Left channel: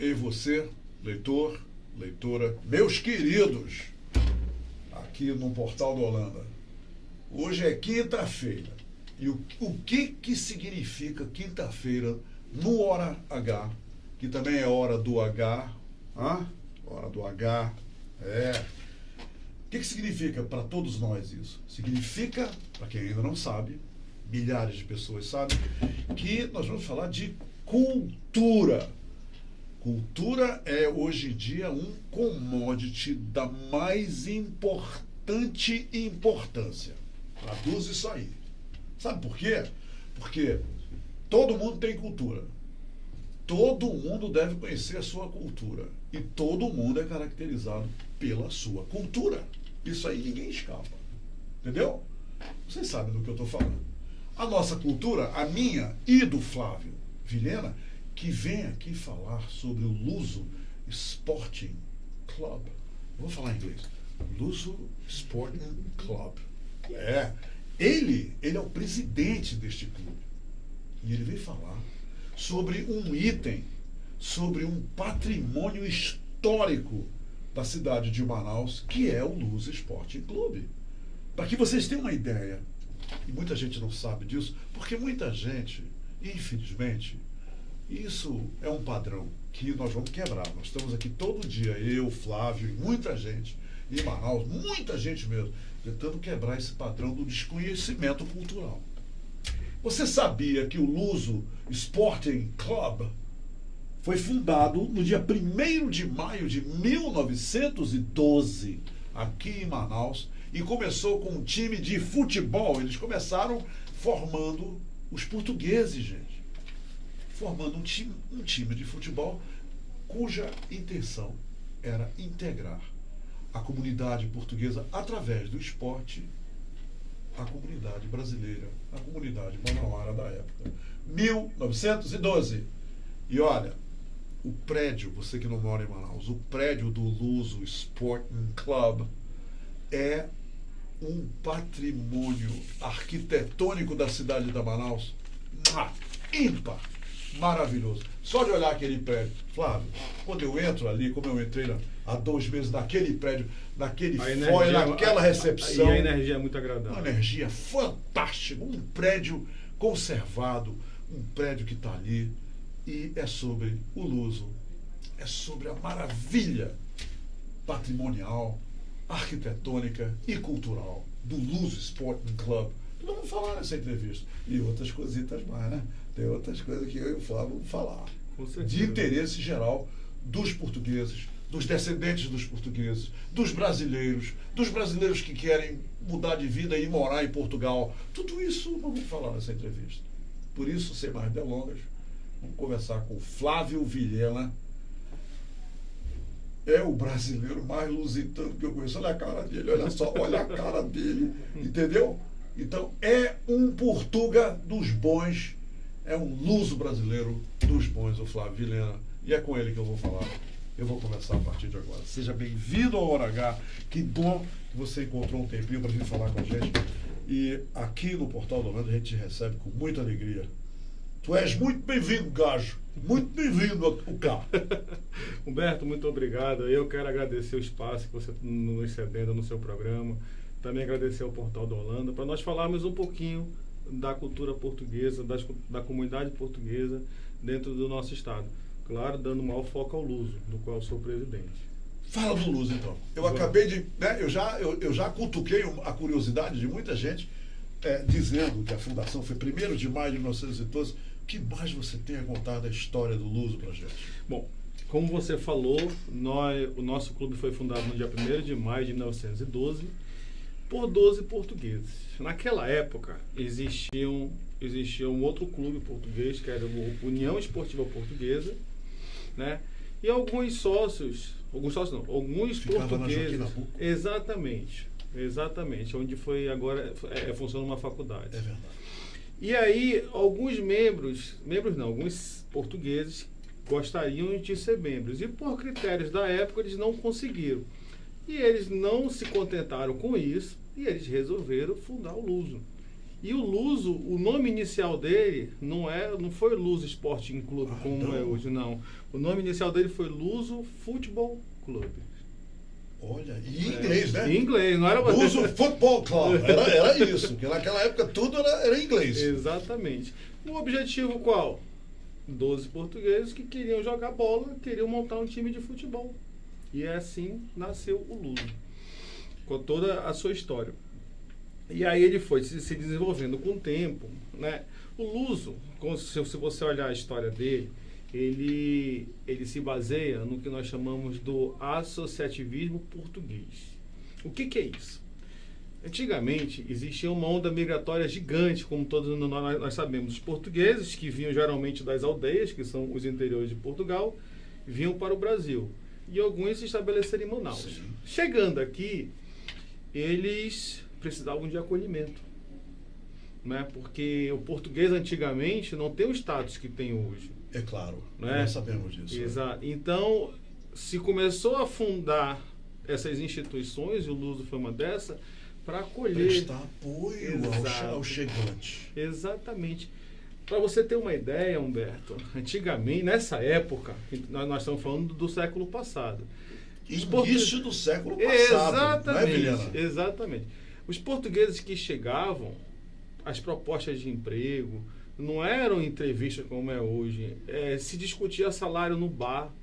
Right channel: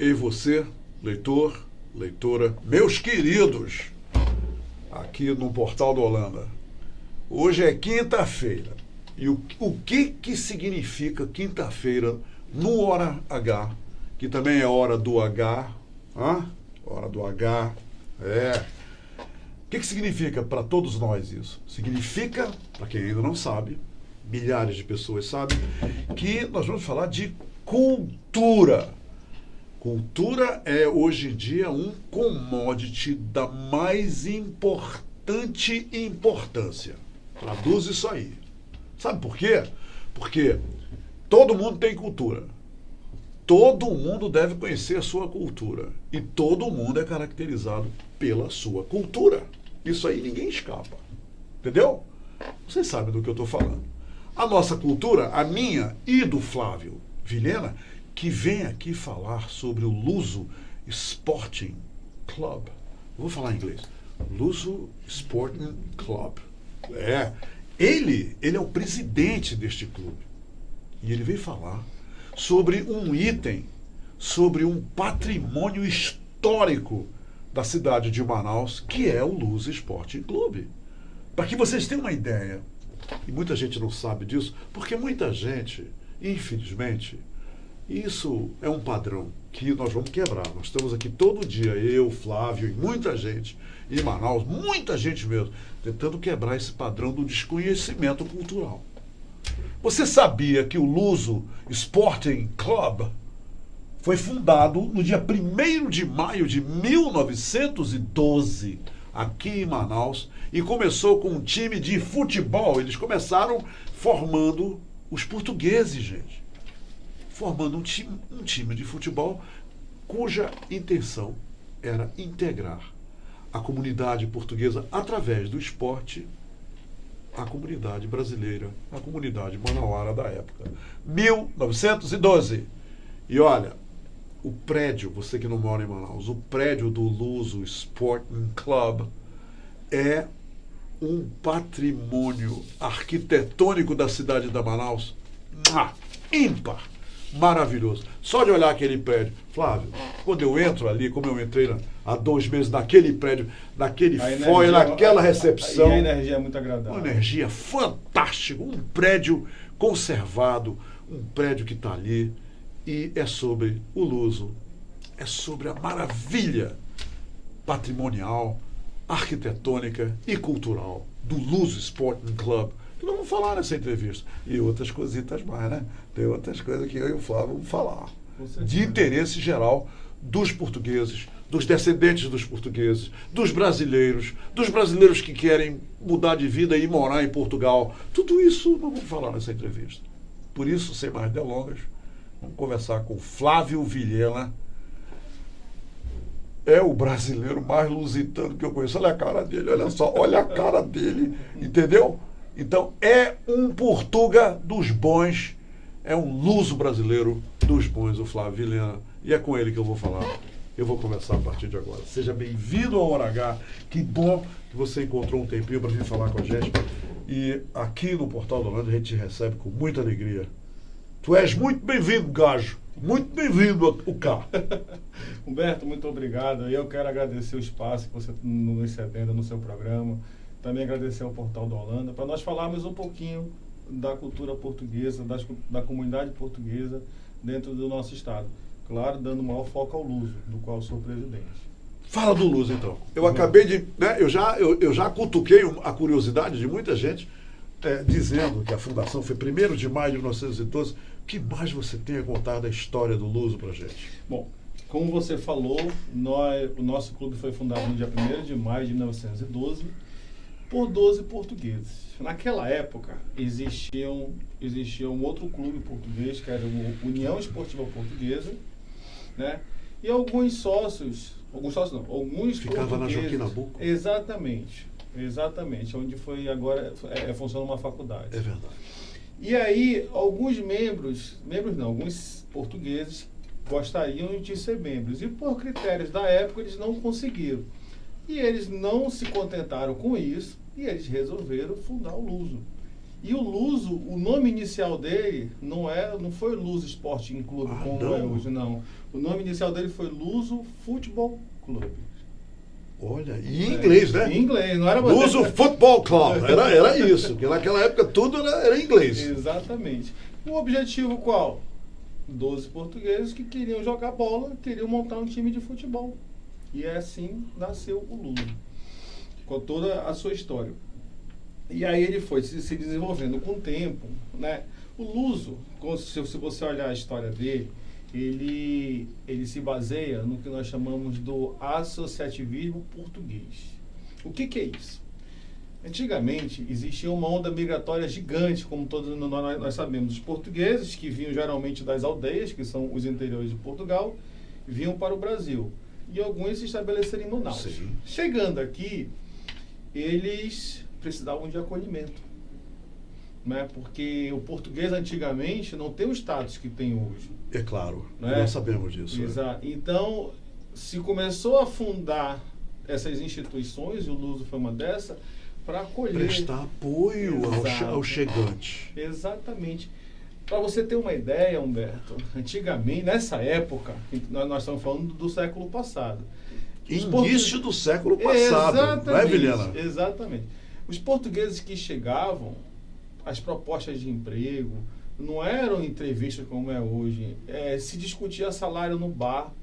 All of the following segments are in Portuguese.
e você, leitor, leitora, meus queridos, aqui no Portal da Holanda. Hoje é quinta-feira. E o que significa quinta-feira no Hora H, que também é hora do H, hora do H, O que significa para todos nós isso? Significa, para quem ainda não sabe, milhares de pessoas sabem, que nós vamos falar de cultura. Cultura é, hoje em dia, um commodity da mais importante importância. Traduz isso aí. Sabe por quê? Porque todo mundo tem cultura. Todo mundo deve conhecer a sua cultura. E todo mundo é caracterizado pela sua cultura. Isso aí ninguém escapa. Entendeu? Vocês sabem do que eu estou falando. A nossa cultura, a minha e do Flávio Vilhena, que vem aqui falar sobre o Luso Sporting Club. Eu vou falar em inglês. Luso Sporting Club. Ele é o presidente deste clube. E ele veio falar sobre um item, sobre um patrimônio histórico da cidade de Manaus, que é o Luso Sporting Club. Para que vocês tenham uma ideia, e muita gente não sabe disso, porque muita gente, infelizmente, isso é um padrão que nós vamos quebrar. Nós estamos aqui todo dia, eu, Flávio e muita gente em Manaus, muita gente mesmo, tentando quebrar esse padrão do desconhecimento cultural. Você sabia que o Luso Sporting Club foi fundado no dia 1º de maio de 1912, aqui em Manaus, e começou com um time de futebol. Eles começaram formando os portugueses, gente. Formando um time de futebol cuja intenção era integrar a comunidade portuguesa através do esporte, a comunidade brasileira, a comunidade manauara da época. 1912. E olha, o prédio, você que não mora em Manaus, o prédio do Luso Sporting Club é um patrimônio arquitetônico da cidade de Manaus ímpar, maravilhoso. Só de olhar aquele prédio. Flávio, quando eu entro ali, como eu entrei há 2 meses naquele prédio, naquele foyer, naquela recepção. E a energia é muito agradável. Uma energia fantástica, um prédio conservado, um prédio que está ali. E é sobre o Luso, é sobre a maravilha patrimonial, arquitetônica e cultural do Luso Sporting Club. Que nós vamos falar nessa entrevista. E outras cositas mais, né? Tem outras coisas que eu e o Flávio vamos falar. De interesse geral dos portugueses, dos descendentes dos portugueses, dos brasileiros que querem mudar de vida e morar em Portugal. Tudo isso nós vamos falar nessa entrevista. Por isso, sem mais delongas, vamos conversar com Flávio Vilhena. É o brasileiro mais lusitano que eu conheço. Olha a cara dele, olha só, olha a cara dele, entendeu? Então, é um Portuga dos bons, é um luso brasileiro dos bons, o Flávio Vilhena. E é com ele que eu vou falar. Eu vou conversar a partir de agora. Seja bem-vindo ao Hora H. Que bom que você encontrou um tempinho para vir falar com a gente. E aqui no Portal da Holanda a gente te recebe com muita alegria. Tu és muito bem-vindo, gajo. Muito bem-vindo o cá. Humberto, muito obrigado. Eu quero agradecer o espaço que você nos cedendo no seu programa. Também agradecer ao Portal da Holanda para nós falarmos um pouquinho da cultura portuguesa, da comunidade portuguesa dentro do nosso estado. Claro, dando maior foco ao Luso, do qual eu sou presidente. Fala do Luso, então. Eu acabei de... Né, eu já cutuquei a curiosidade de muita gente dizendo que a fundação foi 1º de maio de 1912. O que mais você tem a contar da história do Luso para a gente? Bom, como você falou, o nosso clube foi fundado no dia 1º de maio de 1912 por 12 portugueses. Naquela época, existia um outro clube português, que era o União Esportiva Portuguesa, né? E alguns sócios Ficava portugueses. Na Joaquim Nabuco? Exatamente, onde foi agora funciona uma faculdade. É verdade. E aí, alguns portugueses gostariam de ser membros. E por critérios da época, eles não conseguiram. E eles não se contentaram com isso, e eles resolveram fundar o Luso. E o Luso, o nome inicial dele não foi Luso Sporting Clube, como é hoje, não. O nome inicial dele foi Luso Futebol Clube. Olha, e em inglês, né? Em inglês, não era... Luso Football Club, era isso, porque naquela época tudo era inglês. Exatamente. O objetivo qual? 12 portugueses que queriam jogar bola, queriam montar um time de futebol. E assim nasceu o Luso, com toda a sua história. E aí ele foi se desenvolvendo com o tempo, né? O Luso, se você olhar a história dele, ele se baseia no que nós chamamos do associativismo português. O que é isso? Antigamente, existia uma onda migratória gigante, como todos nós sabemos. Os portugueses, que vinham geralmente das aldeias, que são os interiores de Portugal, vinham para o Brasil. E alguns se estabeleceram em Manaus. Sim. Chegando aqui, eles precisavam de acolhimento, né? Porque o português antigamente não tem o status que tem hoje. É claro, né? Nós sabemos disso. Exato. Então, se começou a fundar essas instituições, e o Luso foi uma dessas, para acolher... Prestar apoio ao chegante. Exatamente. Para você ter uma ideia, Humberto, antigamente, nessa época, nós estamos falando do século passado. Início do século passado, não é, Vilhena? Exatamente. Os portugueses que chegavam, as propostas de emprego, não eram entrevistas como é hoje. Se discutia salário no bar,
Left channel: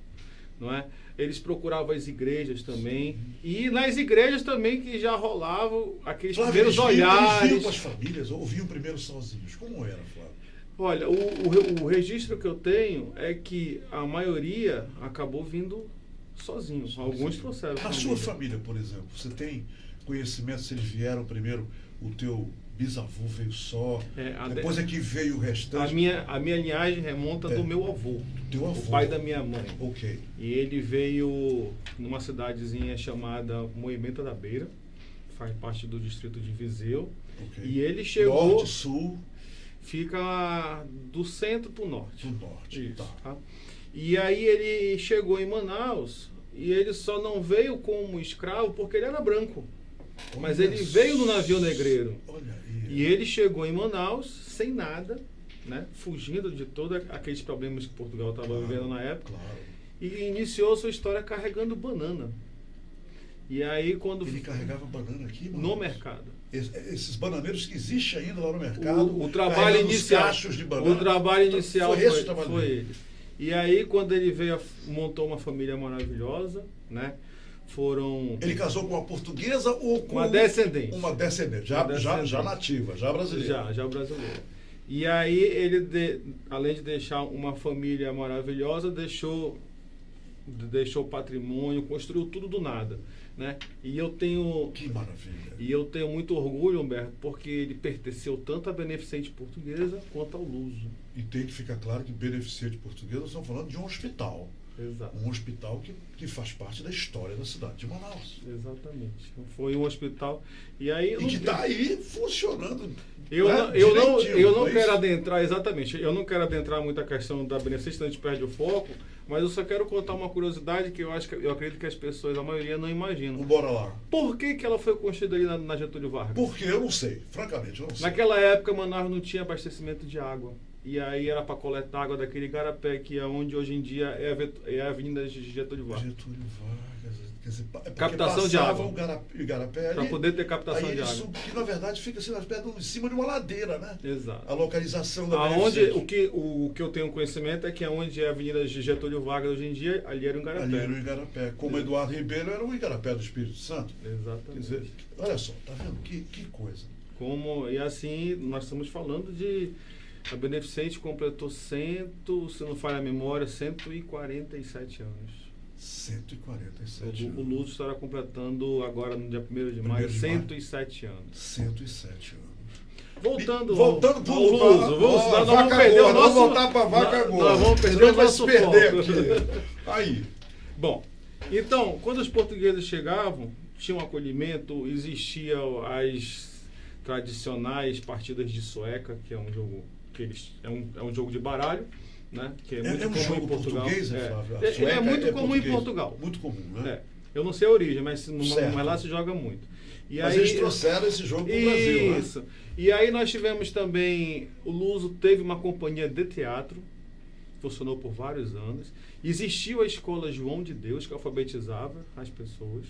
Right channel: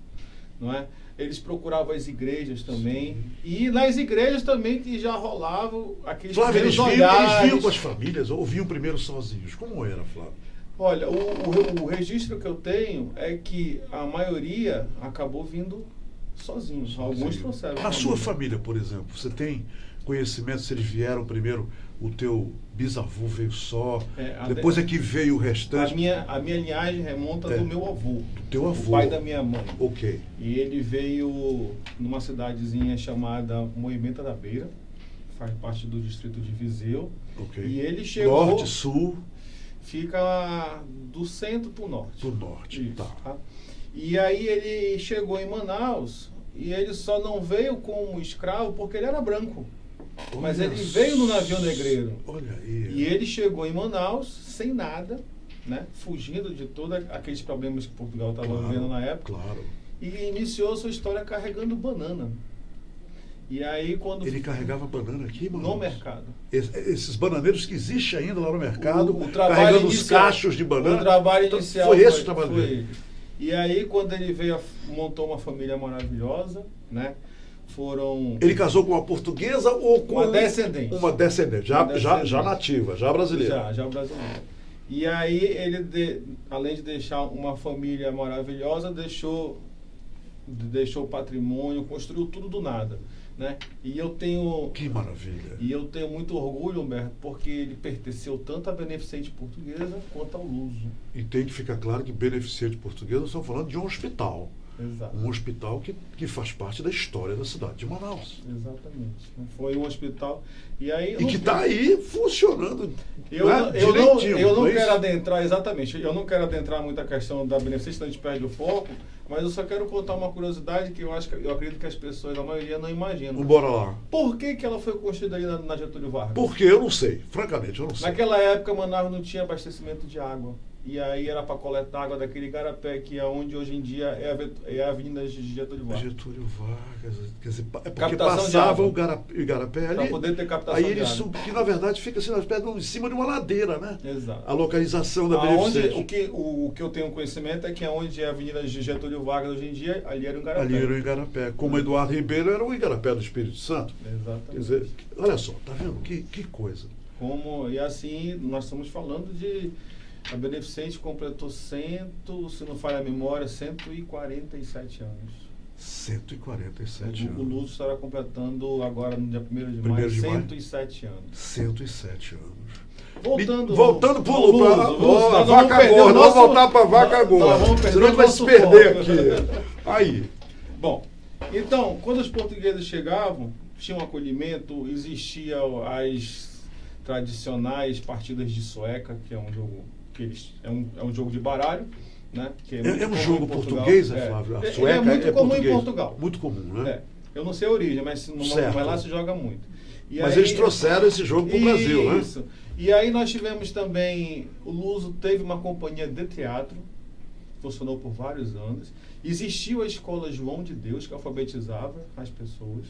não é? Eles procuravam as igrejas também. Sim. E nas igrejas também que já rolavam aqueles Flávio, primeiros olhares. Eles vinham com as famílias ou vinham primeiro sozinhos? Como era, Flávio? Olha, o registro que eu tenho é que a maioria acabou vindo sozinhos. Alguns trouxeram. Na sua família, por exemplo, você tem conhecimento se eles vieram primeiro, o teu bisavô veio só, depois é que veio o restante? A minha linhagem remonta do meu avô. Do teu avô. O pai da minha mãe. Ok. E ele veio numa cidadezinha chamada Moimenta da Beira, faz parte do distrito de Viseu. Ok. E ele chegou... Norte, sul... Fica do centro para o norte. Do norte, isso, tá. E aí ele chegou em Manaus e ele só não veio como escravo porque ele era branco. Olha, mas ele veio no navio negreiro. Olha aí. E ele chegou em Manaus sem nada, né? Fugindo de todos aqueles problemas que Portugal estava vivendo na época. Claro. E iniciou sua história carregando banana. E aí quando... Ele carregava banana aqui, mano? No mercado. Esses bananeiros que existem ainda lá no mercado, o trabalho inicial, os cachos de banana. O trabalho inicial foi esse o trabalho dele. Ele. E aí quando ele veio, montou uma família maravilhosa, né? Ele casou com uma portuguesa ou com... Uma descendente. Uma descendente, já nativa, já brasileira. Já brasileira. E aí ele, além de deixar uma família maravilhosa, deixou o patrimônio, construiu tudo do nada. Né? E eu tenho... Que maravilha! E eu tenho muito orgulho, Humberto, porque ele pertenceu tanto à Beneficente Portuguesa quanto ao Luso. E tem que ficar claro que Beneficente Portuguesa, nós estamos falando de um hospital. Exato. Um hospital que faz parte da história da cidade de Manaus. Exatamente. Foi um hospital... E que está aí funcionando. Eu não quero adentrar, exatamente, eu não quero adentrar muito a questão da Beneficente, a gente perde o foco, mas eu só quero contar uma curiosidade que eu acredito que as pessoas, a maioria, não imaginam. Bora lá. Por que ela foi construída ali na Getúlio Vargas? Porque eu não sei, francamente, eu não sei. Naquela época, Manaus não tinha abastecimento de água. E aí era para coletar água daquele igarapé, que é onde hoje em dia é a Avenida Getúlio Vargas. Getúlio Vargas, quer dizer, é porque captação de água. O igarapé ali. Para poder ter captação de água. Aí que na verdade fica assim, em cima de uma ladeira, né? Exato. A localização da Beneficente. O que eu tenho conhecimento é que onde é a Avenida Getúlio Vargas hoje em dia, ali era o igarapé. Ali era o igarapé. Como Eduardo Ribeiro era o igarapé do Espírito Santo. Exatamente. Quer dizer, olha só, tá vendo? Que coisa. E assim, nós estamos falando de... A Beneficente completou se não falha a memória, 147 anos. 147 anos. O Luso estará completando agora, no dia 1º de maio, 107 anos. 107 anos. Voltando para o Luso. Vaca gorda. Vamos voltar para a vaca gorda. Vamos perder senão vai se perder aqui. Aí. Bom, então, quando os portugueses chegavam, tinha um acolhimento, existia as tradicionais partidas de sueca, que é um jogo... É um jogo de baralho, né? Que é um jogo português, Flávio? Ele é muito comum em Portugal. Muito comum, né? Eu não sei a origem, mas lá se joga muito. Mas eles trouxeram esse jogo para o Brasil, né? Isso. E aí nós tivemos também, o Luso teve uma companhia de teatro, funcionou por vários anos. Existiu a escola João de Deus, que alfabetizava as pessoas.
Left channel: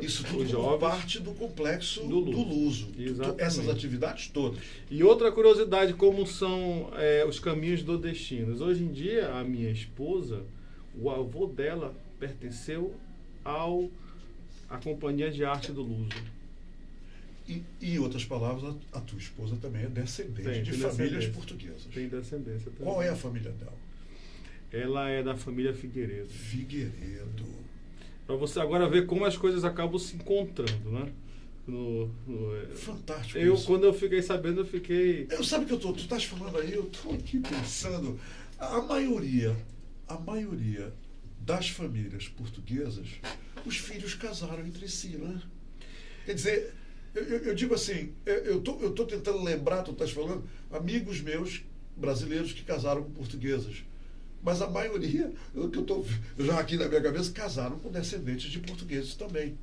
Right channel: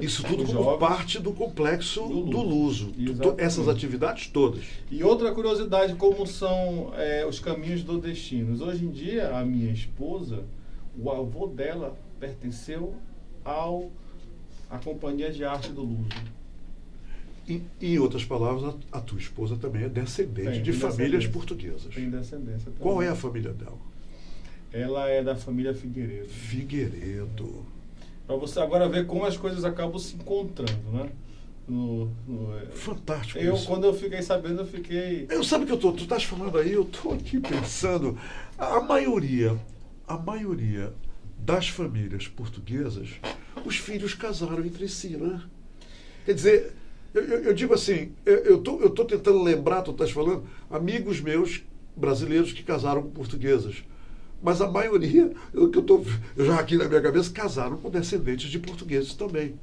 Isso tudo como parte do complexo do Luso. Essas atividades todas. E outra curiosidade, como são os caminhos do destino. Hoje em dia, a minha esposa, o avô dela pertenceu à Companhia de Arte do Luso. Em outras palavras, a tua esposa também é descendente de famílias portuguesas. Tem descendência também. Qual é a família dela? Ela é da família Figueiredo. Figueiredo. Para você agora ver como as coisas acabam se encontrando, né? Fantástico. Quando eu fiquei sabendo, eu fiquei... Sabe que tu estás falando aí, eu estou aqui pensando, a maioria das famílias portuguesas, os filhos casaram entre si, né? Quer dizer, eu digo assim, eu estou tentando lembrar, tu estás falando, amigos meus brasileiros que casaram com portuguesas. Mas a maioria, eu já aqui na minha cabeça, casaram com descendentes de portugueses também.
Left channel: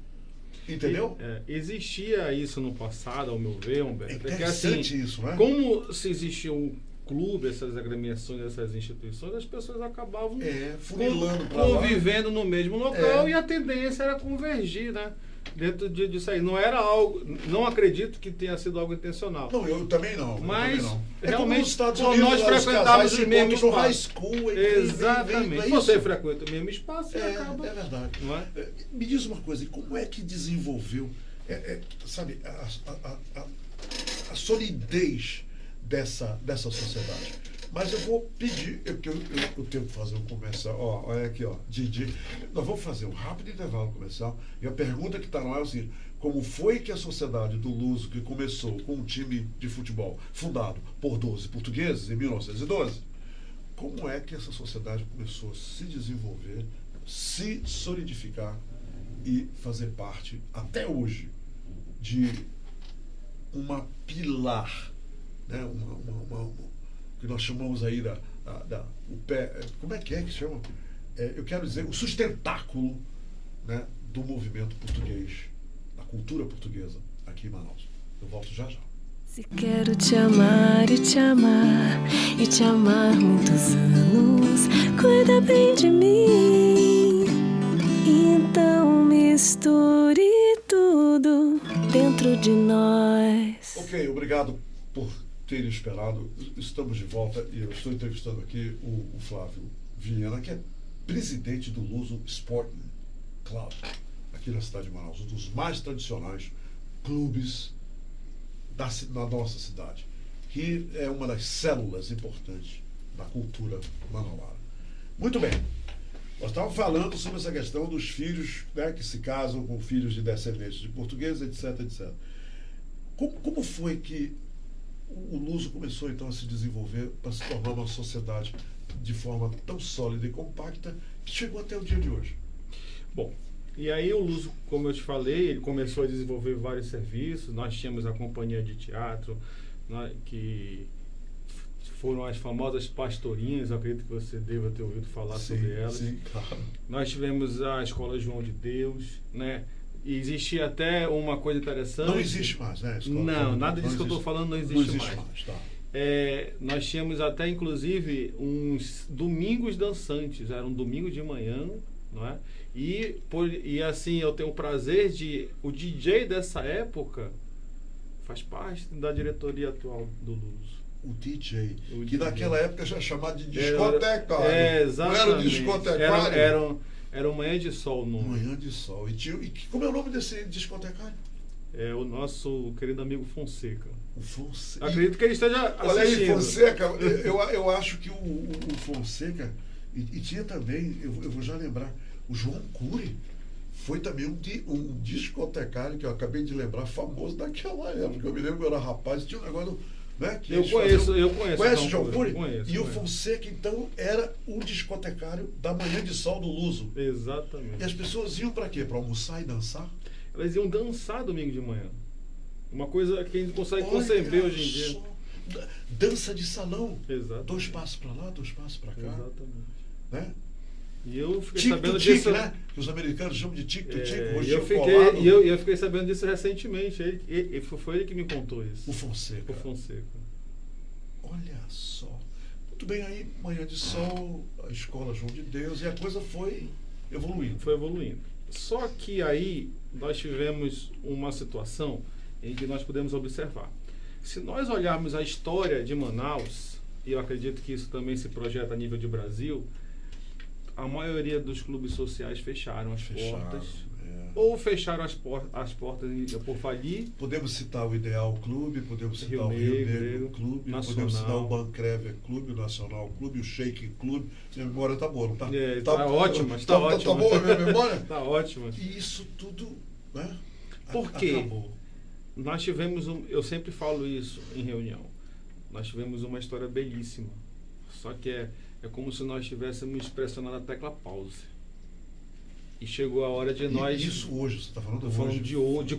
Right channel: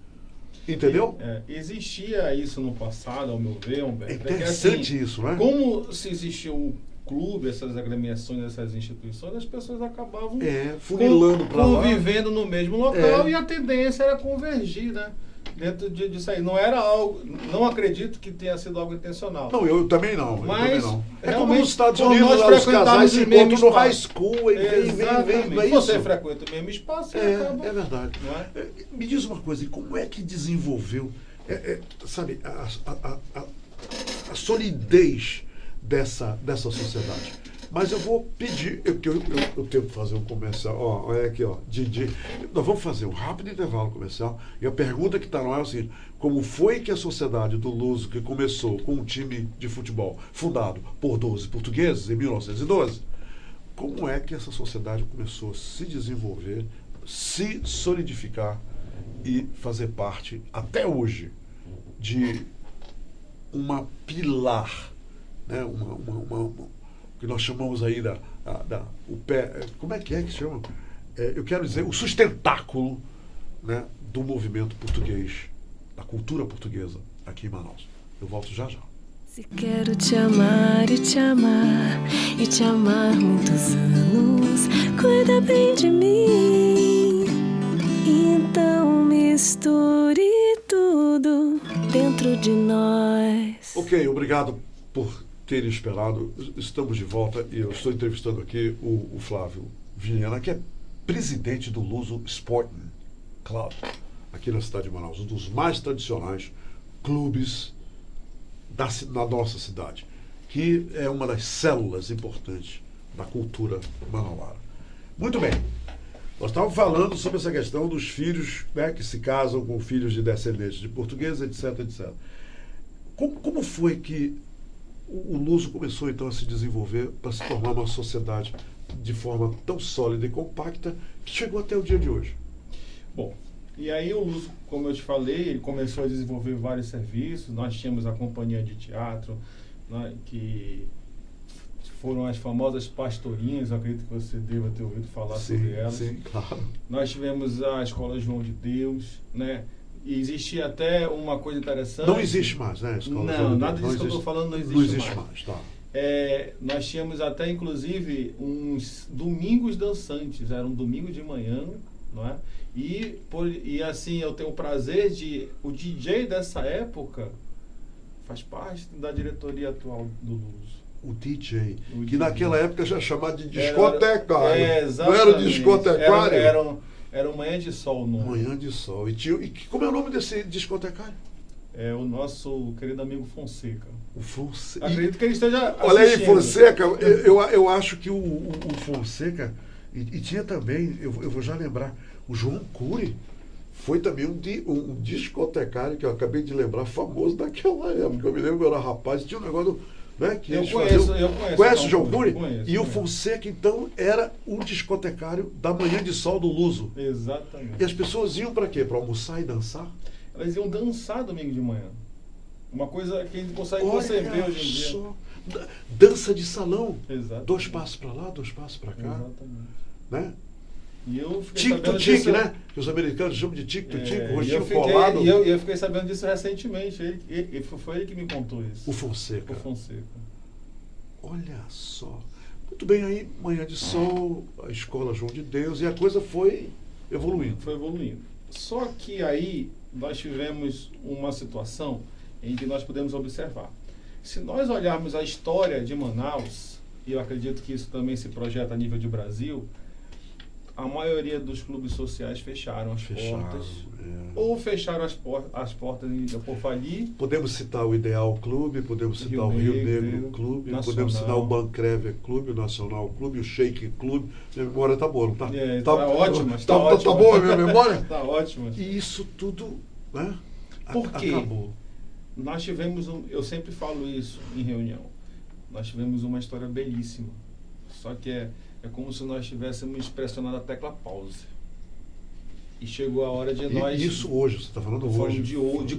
Entendeu? Existia isso no passado, ao meu ver, Humberto. É interessante assim, isso, né? Como se existia um clube, essas agremiações, essas instituições, as pessoas acabavam funilando para lá, convivendo no mesmo local e a tendência era convergir, né? Dentro disso aí. Não era algo... Não acredito que tenha sido algo intencional. Não, eu também não. Mas, é como nos Estados Unidos, nós frequentávamos o mesmo espaço. No high school. Exatamente. Você frequenta o mesmo espaço e acaba... É verdade. Não é? Me diz uma coisa, como é que desenvolveu, sabe, a solidez dessa sociedade? Mas eu vou pedir, eu tenho que fazer um comercial. Olha aqui, Didi. Nós vamos fazer um rápido intervalo comercial. E a pergunta que está no ar é o seguinte: como foi que a sociedade do Luso, que começou com um time de futebol fundado por 12 portugueses em 1912, como é que essa sociedade começou a se desenvolver, se solidificar e fazer parte, até hoje, de uma pilar, né? Que nós chamamos aí o pé, como é que chama? Eu quero dizer, o sustentáculo, né, do movimento português, da cultura portuguesa aqui em Manaus. Eu volto já já. Se quero te amar e te amar e te amar muitos anos, cuida bem de mim. Então misture tudo dentro de nós. Ok, obrigado por terem esperado. Estamos de volta e eu estou entrevistando aqui o Flávio Viana, que é presidente do Luso Sporting Club, aqui na cidade de Manaus, um dos mais tradicionais clubes na nossa cidade, que é uma das células importantes da cultura manauara. Muito bem, nós estávamos falando sobre essa questão dos filhos, né, que se casam com filhos de descendentes de portugueses, etc, etc. Como foi que o Luso começou então a se desenvolver para se tornar uma sociedade de forma tão sólida e compacta que chegou até o dia de hoje? Bom, e aí o Luso, como eu te falei, ele começou a desenvolver vários serviços. Nós tínhamos a companhia de teatro, que foram as famosas pastorinhas, eu acredito que você deva ter ouvido falar sobre elas. Sim, claro. Nós tivemos a Escola João de Deus, né? E existia até uma coisa interessante. Não existe mais, né? Não, nada disso que eu estou falando não existe mais. Tá. Nós tínhamos até, inclusive, uns domingos dançantes. Era um domingo de manhã, não é? E assim, eu tenho o prazer de... O DJ dessa época faz parte da diretoria atual do Luso. O DJ, que naquela época já chamava de discotecário. Exatamente. Não era o discotecário? Era o Manhã de Sol. Manhã de Sol. E como é o nome desse discotecário? É o nosso querido amigo Fonseca. O Fonseca. Acredito que ele esteja assistindo. Olha aí, Fonseca, eu acho que o Fonseca, e tinha também, eu vou já lembrar, o João Cury foi também um discotecário que eu acabei de lembrar, famoso daquela época. Eu me lembro que eu era rapaz, tinha um negócio... Né, que eu conheço. Conhece o João Cury? Conheço. O Fonseca, então, era um discotecário da Manhã de Sol do Luso. Exatamente. E as pessoas iam para quê? Para almoçar e dançar? Elas iam dançar domingo de manhã. Uma coisa que a gente consegue conceber hoje em dia. Dança de salão. Exatamente. 2 passos para lá, 2 passos para cá. Exatamente. Né? E eu fiquei Tique sabendo to tique, disso, né? Que os americanos chamam de tique to tique, e rostinho colado. eu fiquei sabendo disso recentemente. Foi ele que me contou isso. O Fonseca. O Fonseca. Olha só. Muito bem, aí, Manhã de Sol, a Escola João de Deus, e a coisa foi evoluindo. Foi evoluindo. Só que aí nós tivemos uma situação em que nós podemos observar. Se nós olharmos a história de Manaus, e eu acredito que isso também se projeta a nível de Brasil, a maioria dos clubes sociais fecharam as portas. Ou fecharam as portas por falir. Podemos citar o Ideal Clube, podemos citar o Rio Negro Clube, Nacional. podemos citar o Bancrever Clube, o Nacional Clube, o Shake Clube. Minha memória tá boa, não tá? Tá ótima. Tá boa a minha memória? Tá ótima. E isso tudo, né? Por quê? Acabou. Nós tivemos, eu sempre falo isso em reunião, nós tivemos uma história belíssima. Só que é como se nós estivéssemos pressionando a tecla pause. E chegou a hora de nós... Isso hoje, você está falando hoje? De hoje,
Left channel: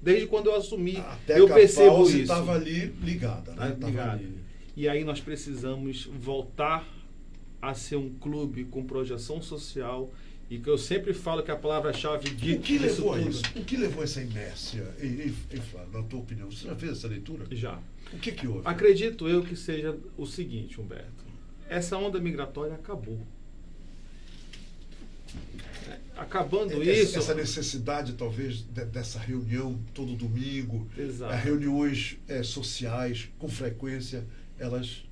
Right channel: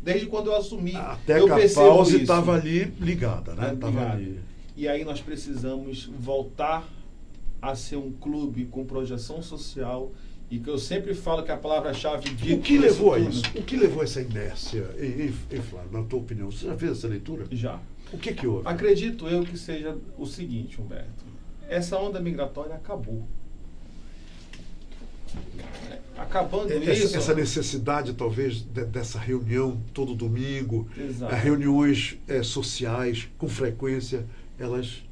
desde quando eu assumi, a eu percebo pause isso. estava ali ligada, né? Tava ali. E aí nós precisamos voltar a ser um clube com projeção social, e que eu sempre falo que a palavra-chave de... O que levou a isso? O que levou a essa inércia, Flávio, na tua opinião? Você já fez essa leitura? Já. O que houve? Acredito eu que seja o seguinte, Humberto. Essa onda migratória acabou. Acabando isso... Essa necessidade, talvez, dessa reunião todo domingo, reuniões sociais, com frequência, elas...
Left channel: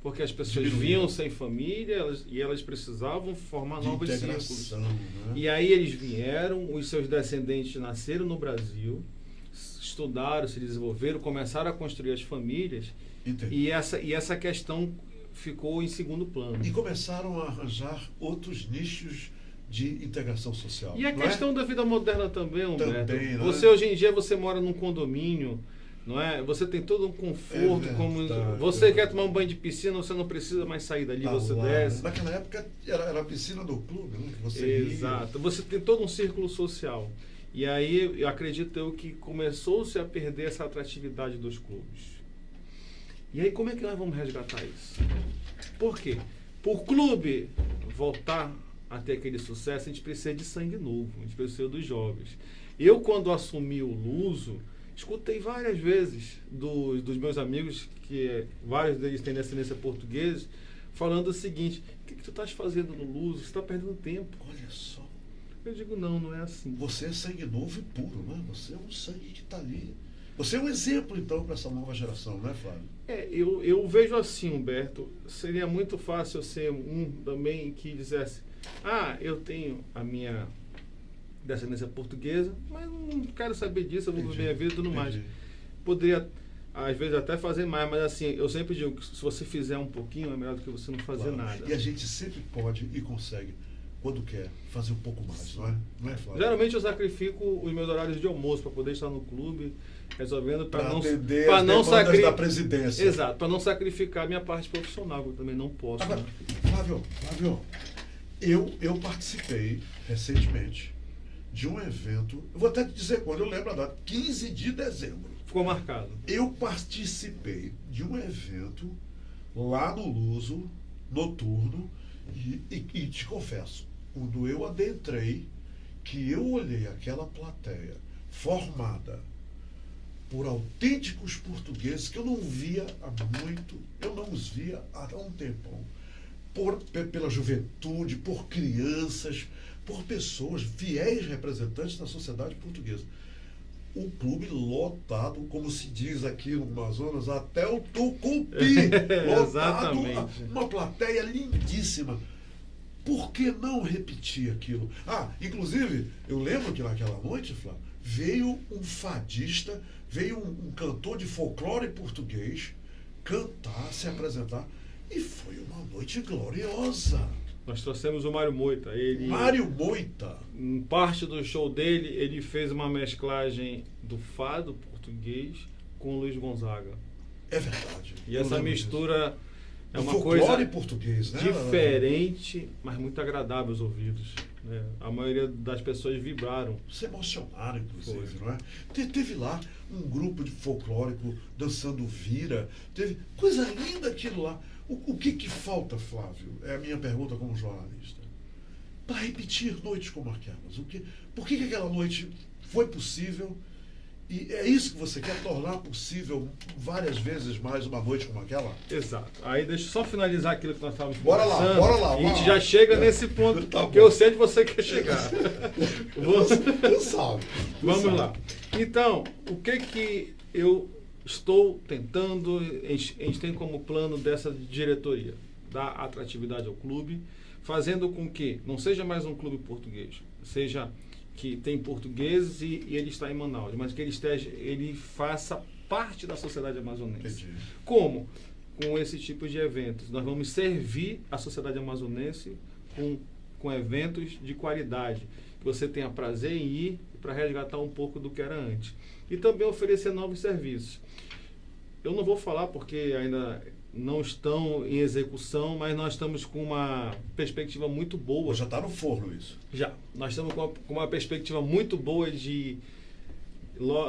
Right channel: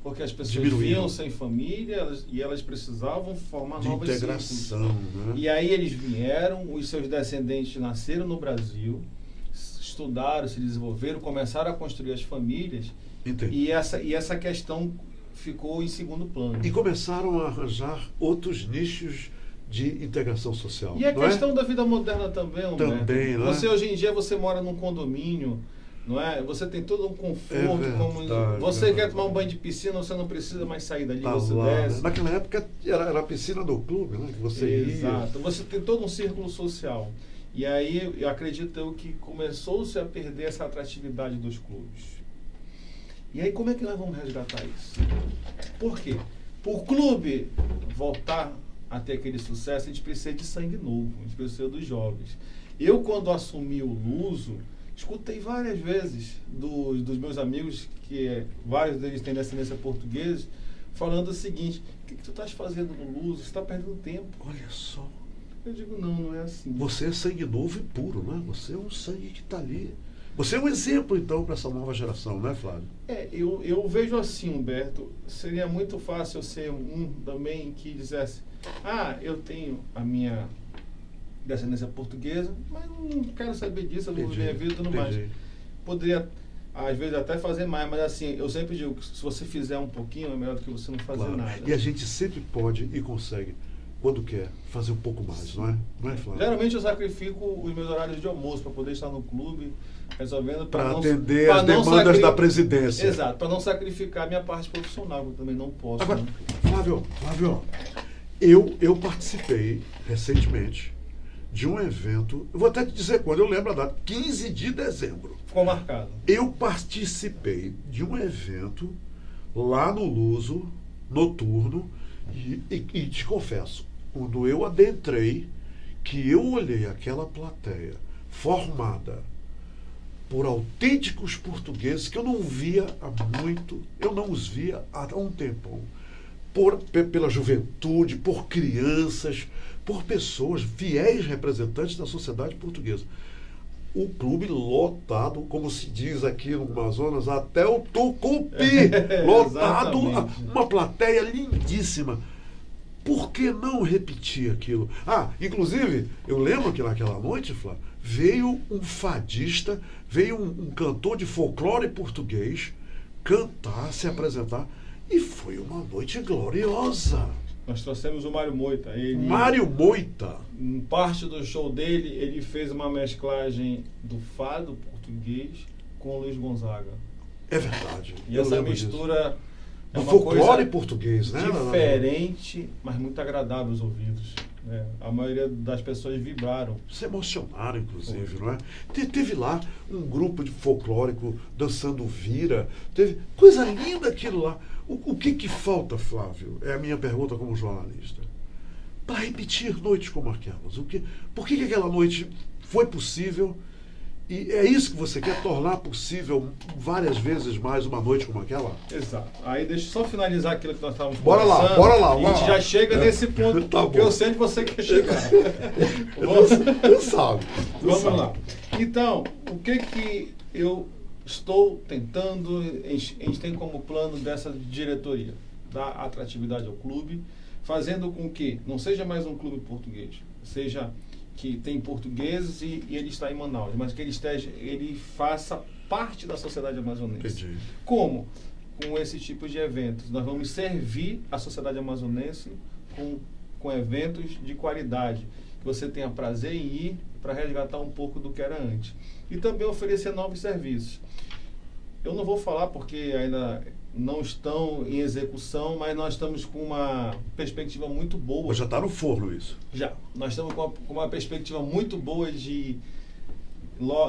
Porque as pessoas vinham sem família e elas precisavam formar novos círculos. Né? E aí eles vieram, os seus descendentes nasceram no Brasil, estudaram, se desenvolveram, começaram a construir as famílias. E essa questão ficou em segundo plano. E começaram a arranjar outros nichos de integração social. E a questão da vida moderna também, Humberto. Também, né? Você hoje em dia você mora num condomínio, não é? Você tem todo um conforto. Você quer tomar um banho de piscina, você não precisa mais sair dali, você desce. Naquela época era a piscina do clube, né? Que você Exato. Você tem todo um círculo social. E aí eu acredito que começou-se a perder essa atratividade dos clubes. E aí como é que nós vamos resgatar isso? Por quê? Para o clube voltar a ter aquele sucesso, a gente precisa de sangue novo, a gente precisa dos jovens. Eu, quando assumi o Luso, escutei várias vezes dos meus amigos, que vários deles têm descendência portuguesa, falando o seguinte: o que tu estás fazendo no Luso? Você está perdendo tempo. Olha só. Eu digo, não é assim. Você é sangue novo e puro, né? Você é um sangue que está ali. Você é um exemplo, então, para essa nova geração, né, Flávio? Eu vejo assim, Humberto, seria muito fácil eu ser um também que dissesse: eu tenho a minha descendência portuguesa, mas não quero saber disso, eu vou viver a vida e tudo mais. Poderia, às vezes, até fazer mais, mas assim, eu sempre digo que se você fizer um pouquinho, é melhor do que você não fazer nada. E a gente sempre pode e consegue, quando quer, fazer um pouco mais, não é? Não é, Flávio? Geralmente eu sacrifico os meus horários de almoço para poder estar no clube, resolvendo para atender as demandas da presidência. Exato, para não sacrificar a minha parte profissional, que eu também não posso. Agora, né? Flávio, eu participei recentemente de um evento, eu vou até te dizer quando, eu lembro a data, 15 de dezembro. Ficou marcado. Eu participei de um evento lá no Luso, noturno, e te confesso, quando eu adentrei, que eu olhei aquela plateia formada por autênticos portugueses que eu não via há muito, eu não os via há um tempão, pela juventude, por crianças, por pessoas, fiéis representantes da sociedade portuguesa. O clube lotado, como se diz aqui no Amazonas, até o Tucupi, lotado, uma plateia lindíssima. Por que não repetir aquilo? Inclusive, eu lembro que naquela noite, Flávio, veio um fadista, veio um cantor de folclore português cantar, se apresentar, e foi uma noite gloriosa. Nós trouxemos o Mário Moita. Mário Moita. Em parte do show dele, ele fez uma mesclagem do fado português com o Luiz Gonzaga. É verdade. E essa mistura é uma coisa português, né? Diferente, mas muito agradável aos ouvidos. Né? A maioria das pessoas vibraram. Se emocionaram, inclusive, não é? Teve lá um grupo de folclórico dançando vira. Teve coisa linda aquilo lá. O que falta, Flávio? É a minha pergunta como jornalista. para repetir noites como aquelas? Por que aquela noite foi possível? E é isso que você quer, tornar possível várias vezes mais uma noite como aquela? Exato. Aí deixa eu só finalizar aquilo que nós estávamos Bora conversando. lá. E a gente já chega nesse ponto, Tá porque bom. eu sei que você quer chegar. Tu sabe. Vamos lá. Então, o que eu estou tentando, a gente tem como plano dessa diretoria, dar atratividade ao clube, fazendo com que não seja mais um clube português, seja que tem portugueses e ele está em Manaus, mas que ele faça parte da sociedade amazonense. Entendi. Como? Com esse tipo de eventos. Nós vamos servir a sociedade amazonense com eventos de qualidade, que você tenha prazer em ir para resgatar um pouco do que era antes. E também oferecer novos serviços. Eu não vou falar porque ainda não estão em execução, mas nós estamos com uma perspectiva muito boa. Ou já está no forno isso? Já. Nós estamos com uma perspectiva muito boa de,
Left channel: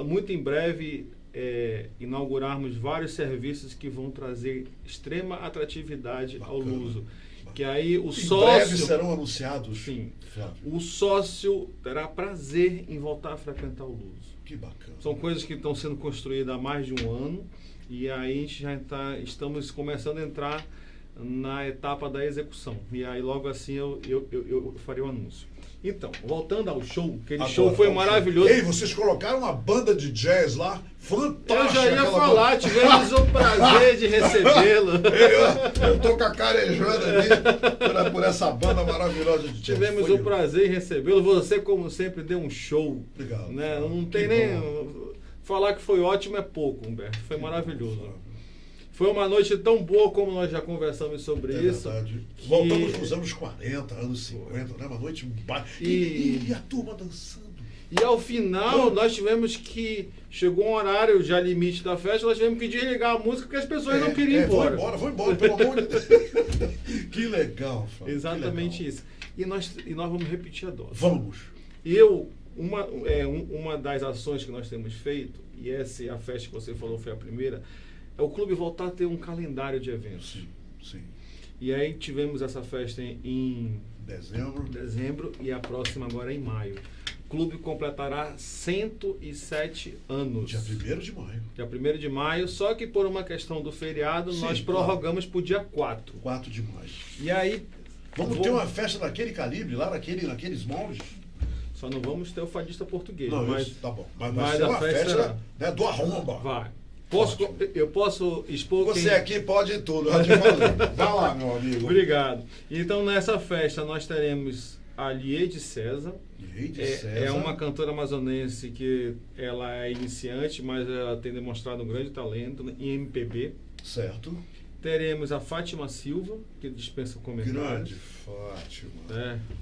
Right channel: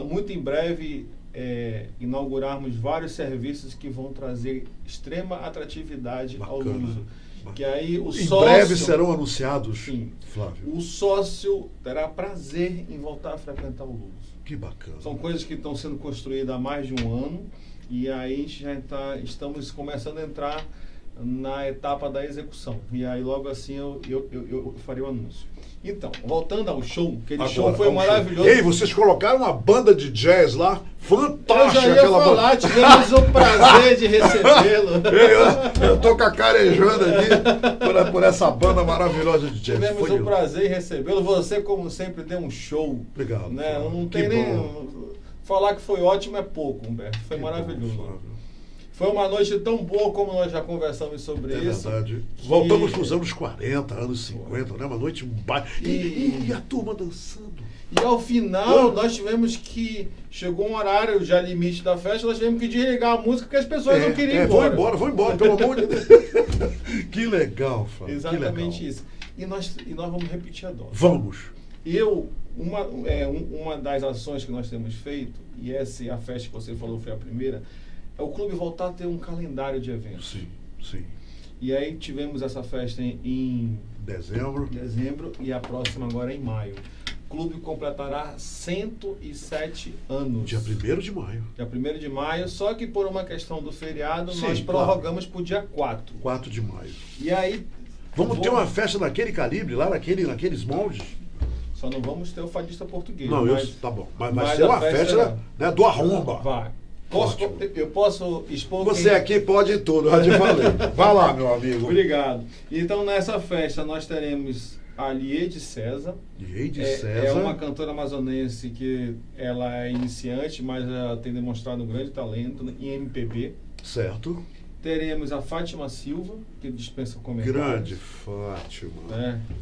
muito em breve, inaugurarmos vários serviços que vão trazer extrema atratividade ao Luso. Que aí o sócio... Em breve serão anunciados, sim, Flávio. o sócio terá prazer em voltar a frequentar o Luso. Que bacana. São coisas que estão sendo construídas há mais de um ano. E aí a gente já estamos começando a entrar na etapa da execução. E aí logo assim eu farei o anúncio. Então, voltando ao show, aquele show foi maravilhoso. Ei, vocês colocaram uma banda de jazz lá, fantástica. Eu já ia falar, tivemos o prazer de recebê-lo. Eu tô cacarejando ali por essa banda maravilhosa de jazz. Tivemos o prazer em recebê-lo. Você, como sempre, deu um show. Obrigado. Né? Não tem nem... Falar que foi ótimo é pouco, Humberto. Foi maravilhoso. Foi uma noite tão boa como nós já conversamos sobre isso. Verdade. Voltamos para os anos 40, anos 50, né? Uma noite e a turma dançando. E ao final, nós tivemos que... Chegou um horário já limite da festa, nós tivemos que desligar a música porque as pessoas não queriam ir embora. Vão embora, pelo amor de Deus. Que legal, Flávio. Exatamente isso. E nós vamos repetir a dose. Vamos. Uma das ações que nós temos feito, e essa é a festa que você falou foi a primeira, é o clube voltar a ter um calendário de eventos. Sim. E aí tivemos essa festa em dezembro e a próxima agora em maio. O clube completará 107 anos. Dia 1º de maio. Dia 1º de maio, só que por uma questão do feriado, Sim, nós prorrogamos para o dia 4. 4 de maio. E aí... Vamos ter uma festa naquele calibre, lá naqueles moldes? Só não vamos ter o fadista português. Não, mas, tá bom. Mas vai ser uma festa, né, do arromba. Vai. Eu posso expor... Você aqui pode tudo, já te falei. Vai lá, meu amigo. Obrigado. Então, nessa festa, nós teremos a Liede César. Liede César. É uma cantora amazonense que ela é iniciante, mas ela tem demonstrado um grande talento em MPB. Certo. Teremos a Fátima Silva, que dispensa comentários. Grande Fátima.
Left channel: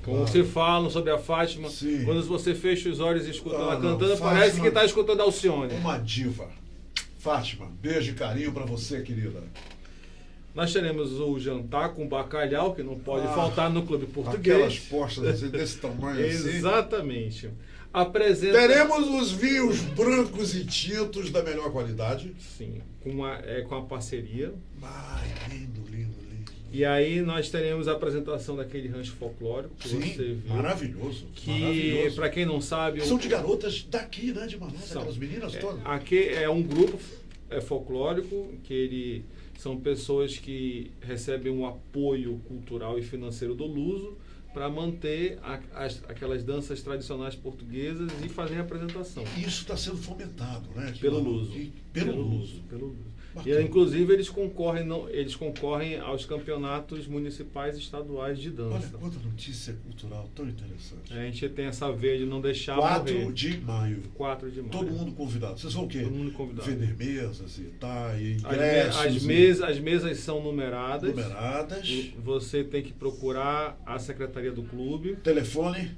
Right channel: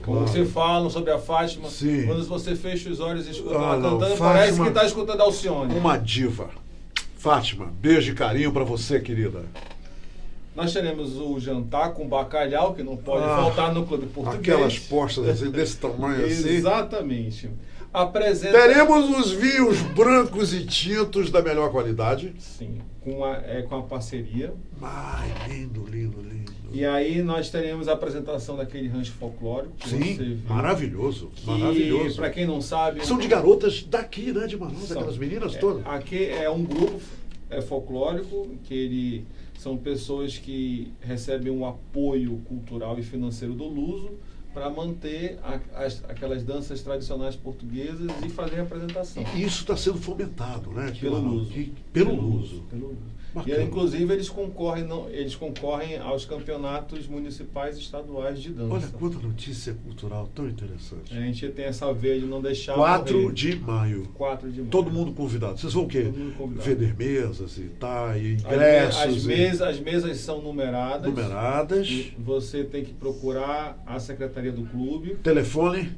Como claro. se falam sobre a Fátima, sim. Quando você fecha os olhos e escuta ela cantando, Fátima, parece que está escutando Alcione. Uma diva. Fátima, beijo e carinho para você, querida. Nós teremos o jantar com bacalhau, que não pode faltar no clube português. Aquelas postas desse tamanho assim. Exatamente. Teremos os vinhos brancos e tintos da melhor qualidade. Sim, com a parceria. Ai, lindo. E aí nós teremos a apresentação daquele rancho folclórico. Que sim, você viu, maravilhoso. Maravilhoso. Para quem não sabe... São de garotas daqui, né, de Manaus, aquelas meninas todas. Aqui é um grupo folclórico, que são pessoas que recebem um apoio cultural e financeiro do Luso para manter aquelas danças tradicionais portuguesas e fazer a apresentação. E isso está sendo fomentado, né? Pelo Luso. Pelo Luso. E, inclusive, eles concorrem aos campeonatos municipais e estaduais de dança. Olha quanta notícia cultural tão interessante. A gente tem essa veia de não deixar 4 de maio. 4 de maio. Todo mundo convidado. Vocês vão o quê? Vender mesas e tal, e ingressos. As mesas são numeradas. Você tem que procurar a secretaria do clube. Telefone?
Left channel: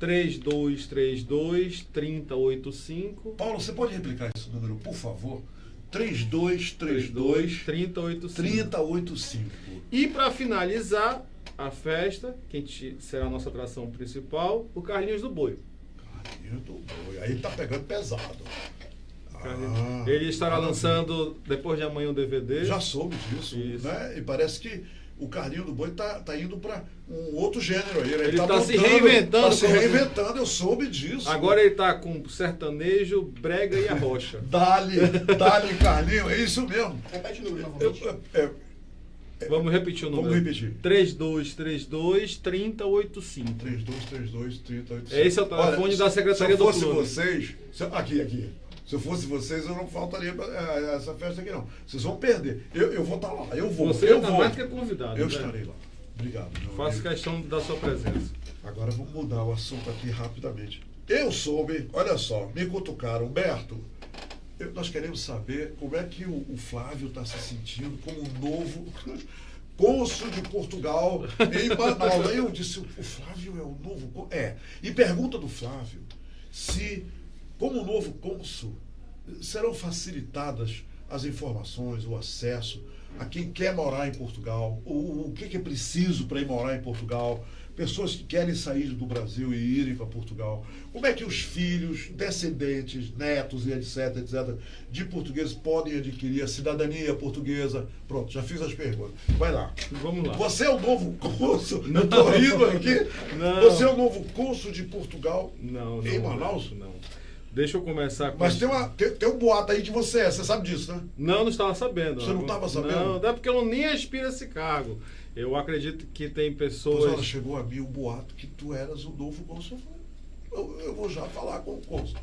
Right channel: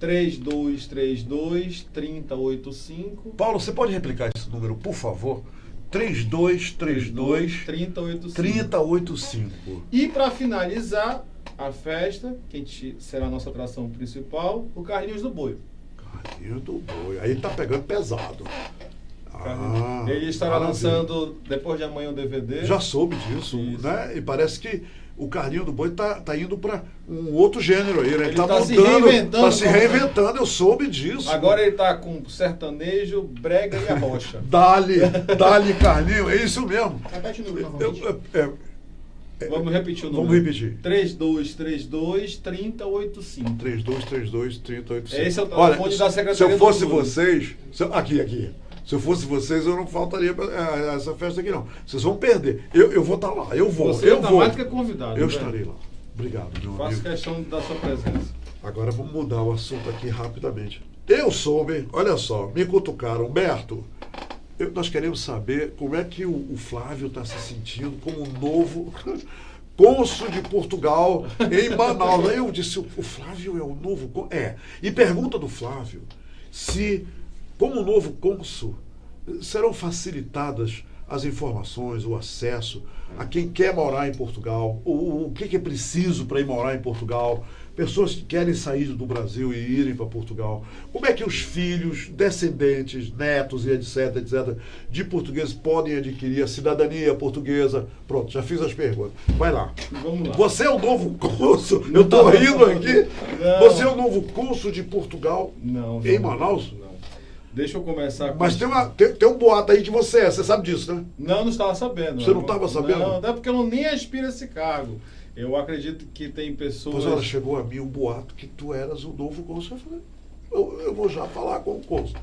3232-3085. Paulo, você pode replicar esse número, por favor? 3232-3085. E para finalizar a festa, que será a nossa atração principal, o Carlinhos do Boi. Carlinhos do Boi. Aí tá pegando pesado. Ele estará lançando depois de amanhã um DVD. Já soube disso, né? E parece que o Carlinho do Boi tá indo para um outro gênero aí, né? Ele tá mudando, se reinventando. Tá se reinventando, eu soube disso. Agora ele tá com sertanejo, brega e arrocha. Dali, Carlinho, é isso mesmo. Repete o número novamente. Vamos repetir o número. Vamos repetir. 3232-3085. 3232-3085. Esse é o telefone da Secretaria Se eu do fosse Clube. vocês... Aqui. Se eu fosse vocês, eu não faltaria essa festa aqui, não. Vocês vão perder. Eu vou estar lá. Eu vou. Você eu está vou. mais do que convidado. Eu né? estarei lá. Obrigado, meu Faço amigo. questão da sua presença. Agora vamos mudar o assunto aqui rapidamente. Eu soube, olha só, me cutucaram. Humberto, nós queremos saber como é que o Flávio está se sentindo como novo cônsul de Portugal em Manaus. Aí eu disse, o Flávio é o novo cônsul? É. E pergunta do Flávio se, como novo cônsul, serão facilitadas as informações, o acesso a quem quer morar em Portugal, o que é preciso para ir morar em Portugal, pessoas que querem sair do Brasil e irem para Portugal. Como é que os filhos, descendentes, netos e etc, de portugueses podem adquirir a cidadania portuguesa? Pronto, já fiz as perguntas. Vai lá. Vamos lá. Você é o novo cônsul? Eu estou rindo aqui. Não. Você é o novo cônsul de Portugal em Manaus? Não. Deixa eu começar com... Mas tem um boato aí que você sabe disso, né? Não estava sabendo. Você não estava sabendo? Não, é porque eu nem aspiro a esse cargo. Eu acredito que tem pessoas... Pois olha, chegou a mim um boato que tu eras o novo cônsul. Eu falei, eu vou já falar com o cônsul.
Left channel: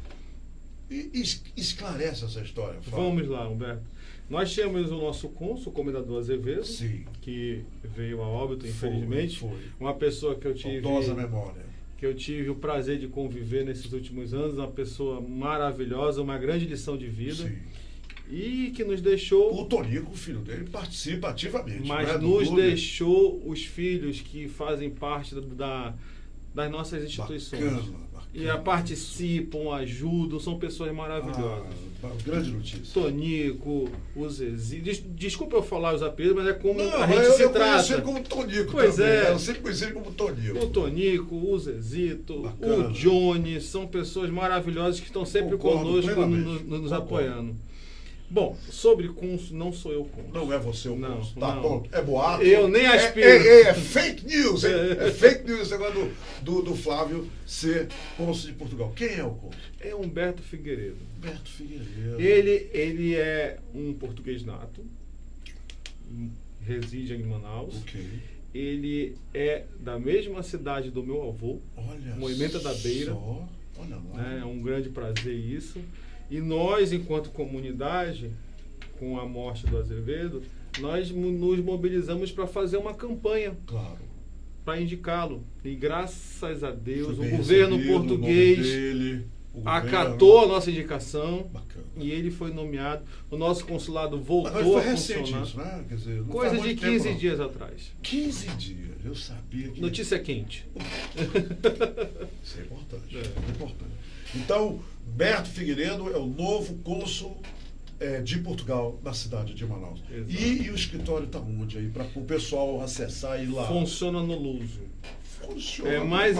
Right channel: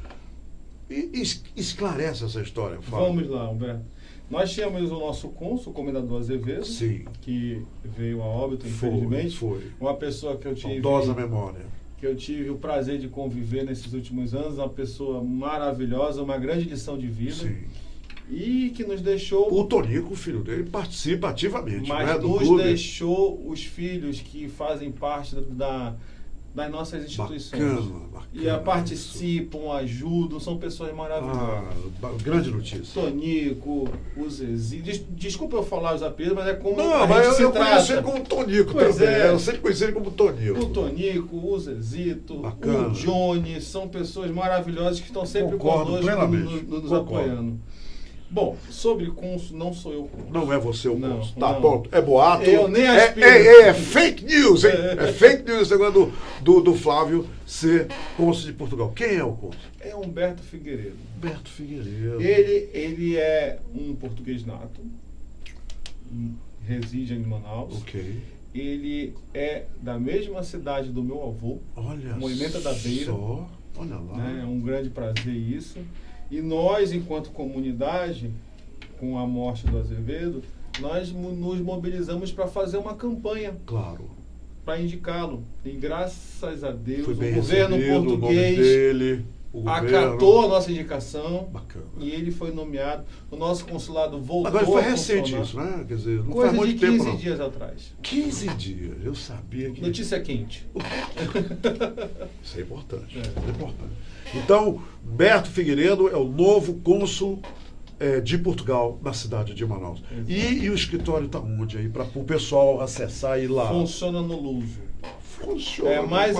E esclarece essa história, Fábio. Vamos lá, Humberto. Nós tínhamos o nosso cônsul, o comendador Azevedo, Sim. que veio a óbito, infelizmente. Foi. Uma pessoa que eu tive... Saudosa memória. Que eu tive o prazer de conviver nesses últimos anos, uma pessoa maravilhosa, uma grande lição de vida. Sim. E que nos deixou... O Tonico, o filho dele, participa ativamente. Mas né, do nos clube. deixou os filhos que fazem parte das nossas instituições. Bacana. E participam, ajudam, são pessoas maravilhosas. Grande notícia. Tonico, o Zezi. Desculpa eu falar os apelidos, mas é como Não, a mas gente se eu conheci trata. como Tonico Pois também. é. Eu sempre conheci ele como Tonico. O Tonico, o Zezito, Bacana. o Johnny, são pessoas maravilhosas que estão sempre Concordo conosco, plenamente. nos Concordo. apoiando. Bom, sobre cônsul, não sou eu cônsul. Não é você o Não, cônsul. Tá, não. pronto. É boato. Eu nem aspiro. É fake news, hein? É fake news esse negócio do Flávio ser cônsul de Portugal. Quem é o cônsul? É Humberto Figueiredo. Humberto Figueiredo. Ele é um português nato, reside em Manaus. Ok. Ele é da mesma cidade do meu avô, Olha Moimenta da Beira. só. Olha lá. né? É um grande prazer isso. E nós, enquanto comunidade, com a morte do Azevedo, nós nos mobilizamos para fazer uma campanha Claro. para indicá-lo. E graças a Deus, Foi o bem governo recebido, o nome português dele, o acatou governo. a nossa indicação. Bacana. E ele foi nomeado. O nosso consulado voltou Agora foi a recente funcionar. isso, né? Quer dizer, não Coisa faz de muito 15 tempo, não. dias atrás. 15 dias. Eu sabia que... Notícia quente. Isso é importante. É. É importante. Então, Humberto Figueiredo é o novo cônsul de Portugal na cidade de Manaus. E o escritório está onde aí? Para o pessoal acessar e ir lá. Funciona no Luso. Funciona. É, mas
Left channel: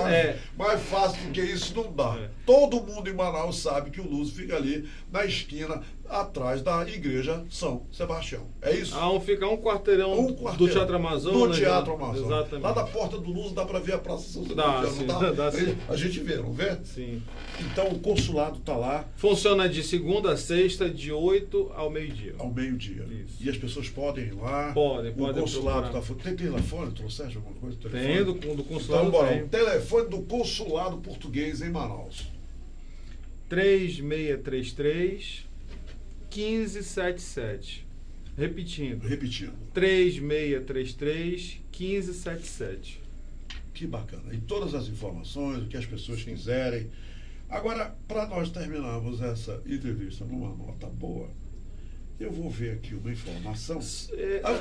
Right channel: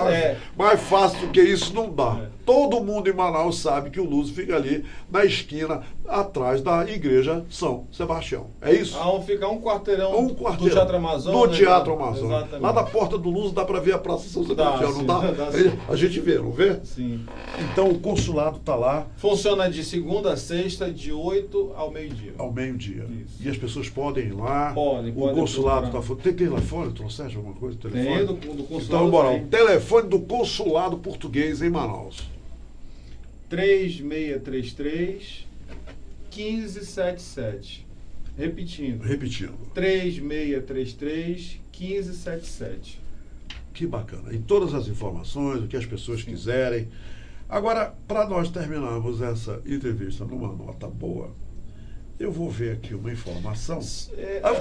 mais fácil do que isso não dá. É. Todo mundo em Manaus sabe que o Luso fica ali na esquina, atrás da igreja São Sebastião. É isso? Fica um quarteirão, do Teatro Amazonas. Do Teatro Amazonas. Exatamente. Lá da porta do Luso dá para ver a Praça São Sebastião, não sim, dá? dá sim. A gente vê, não vê? Sim. Então o consulado está lá Funciona de segunda a sexta, de 8 ao meio-dia. ao meio-dia. Isso. E as pessoas podem ir lá. Pode O consulado está procurar. Tem telefone? Trouxeste alguma coisa? Telefone? Tem do consulado. Então, bora. tem. O telefone do consulado português em Manaus. 3633 1577. Repetindo. 3633 1577. Que bacana. E todas as informações, o que as pessoas quiserem. Agora, para nós terminarmos essa entrevista numa nota boa, eu vou ver aqui uma informação.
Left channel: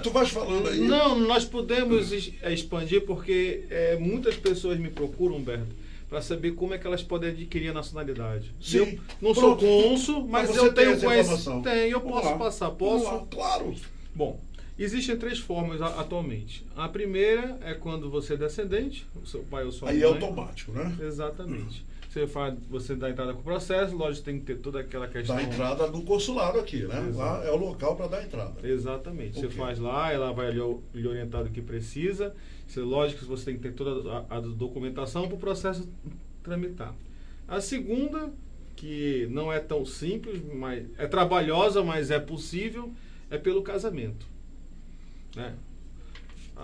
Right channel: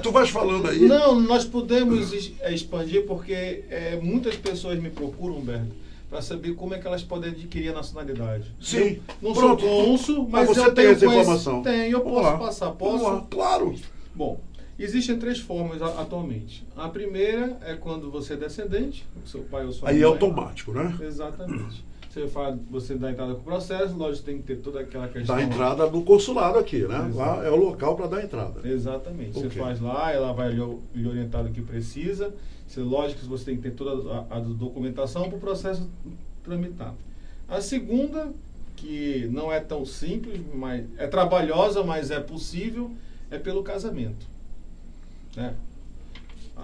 Tu vais falando aí? Não, nós podemos expandir porque muitas pessoas me procuram, Humberto, para saber como é que elas podem adquirir a nacionalidade. Sim. Eu não sou Pronto. cônsul, mas Você eu tem tenho essa informação? Tenho, eu Vamos posso lá. passar. Vamos Posso? lá, claro. Bom, existem 3 formas atualmente. A primeira é quando você é descendente, o seu pai ou sua mãe. Aí é automático, né? Exatamente. Você dá entrada com o processo, lógico, tem que ter toda aquela questão. Dá entrada no consulado aqui, né? Exato. Lá é o local para dar entrada. Exatamente. Ok. Você faz lá, ela vai lhe orientar do que precisa. Lógico que você tem que ter toda a documentação para o processo tramitar. A segunda, que não é tão simples, mas é trabalhosa, mas é possível, é pelo casamento. Né?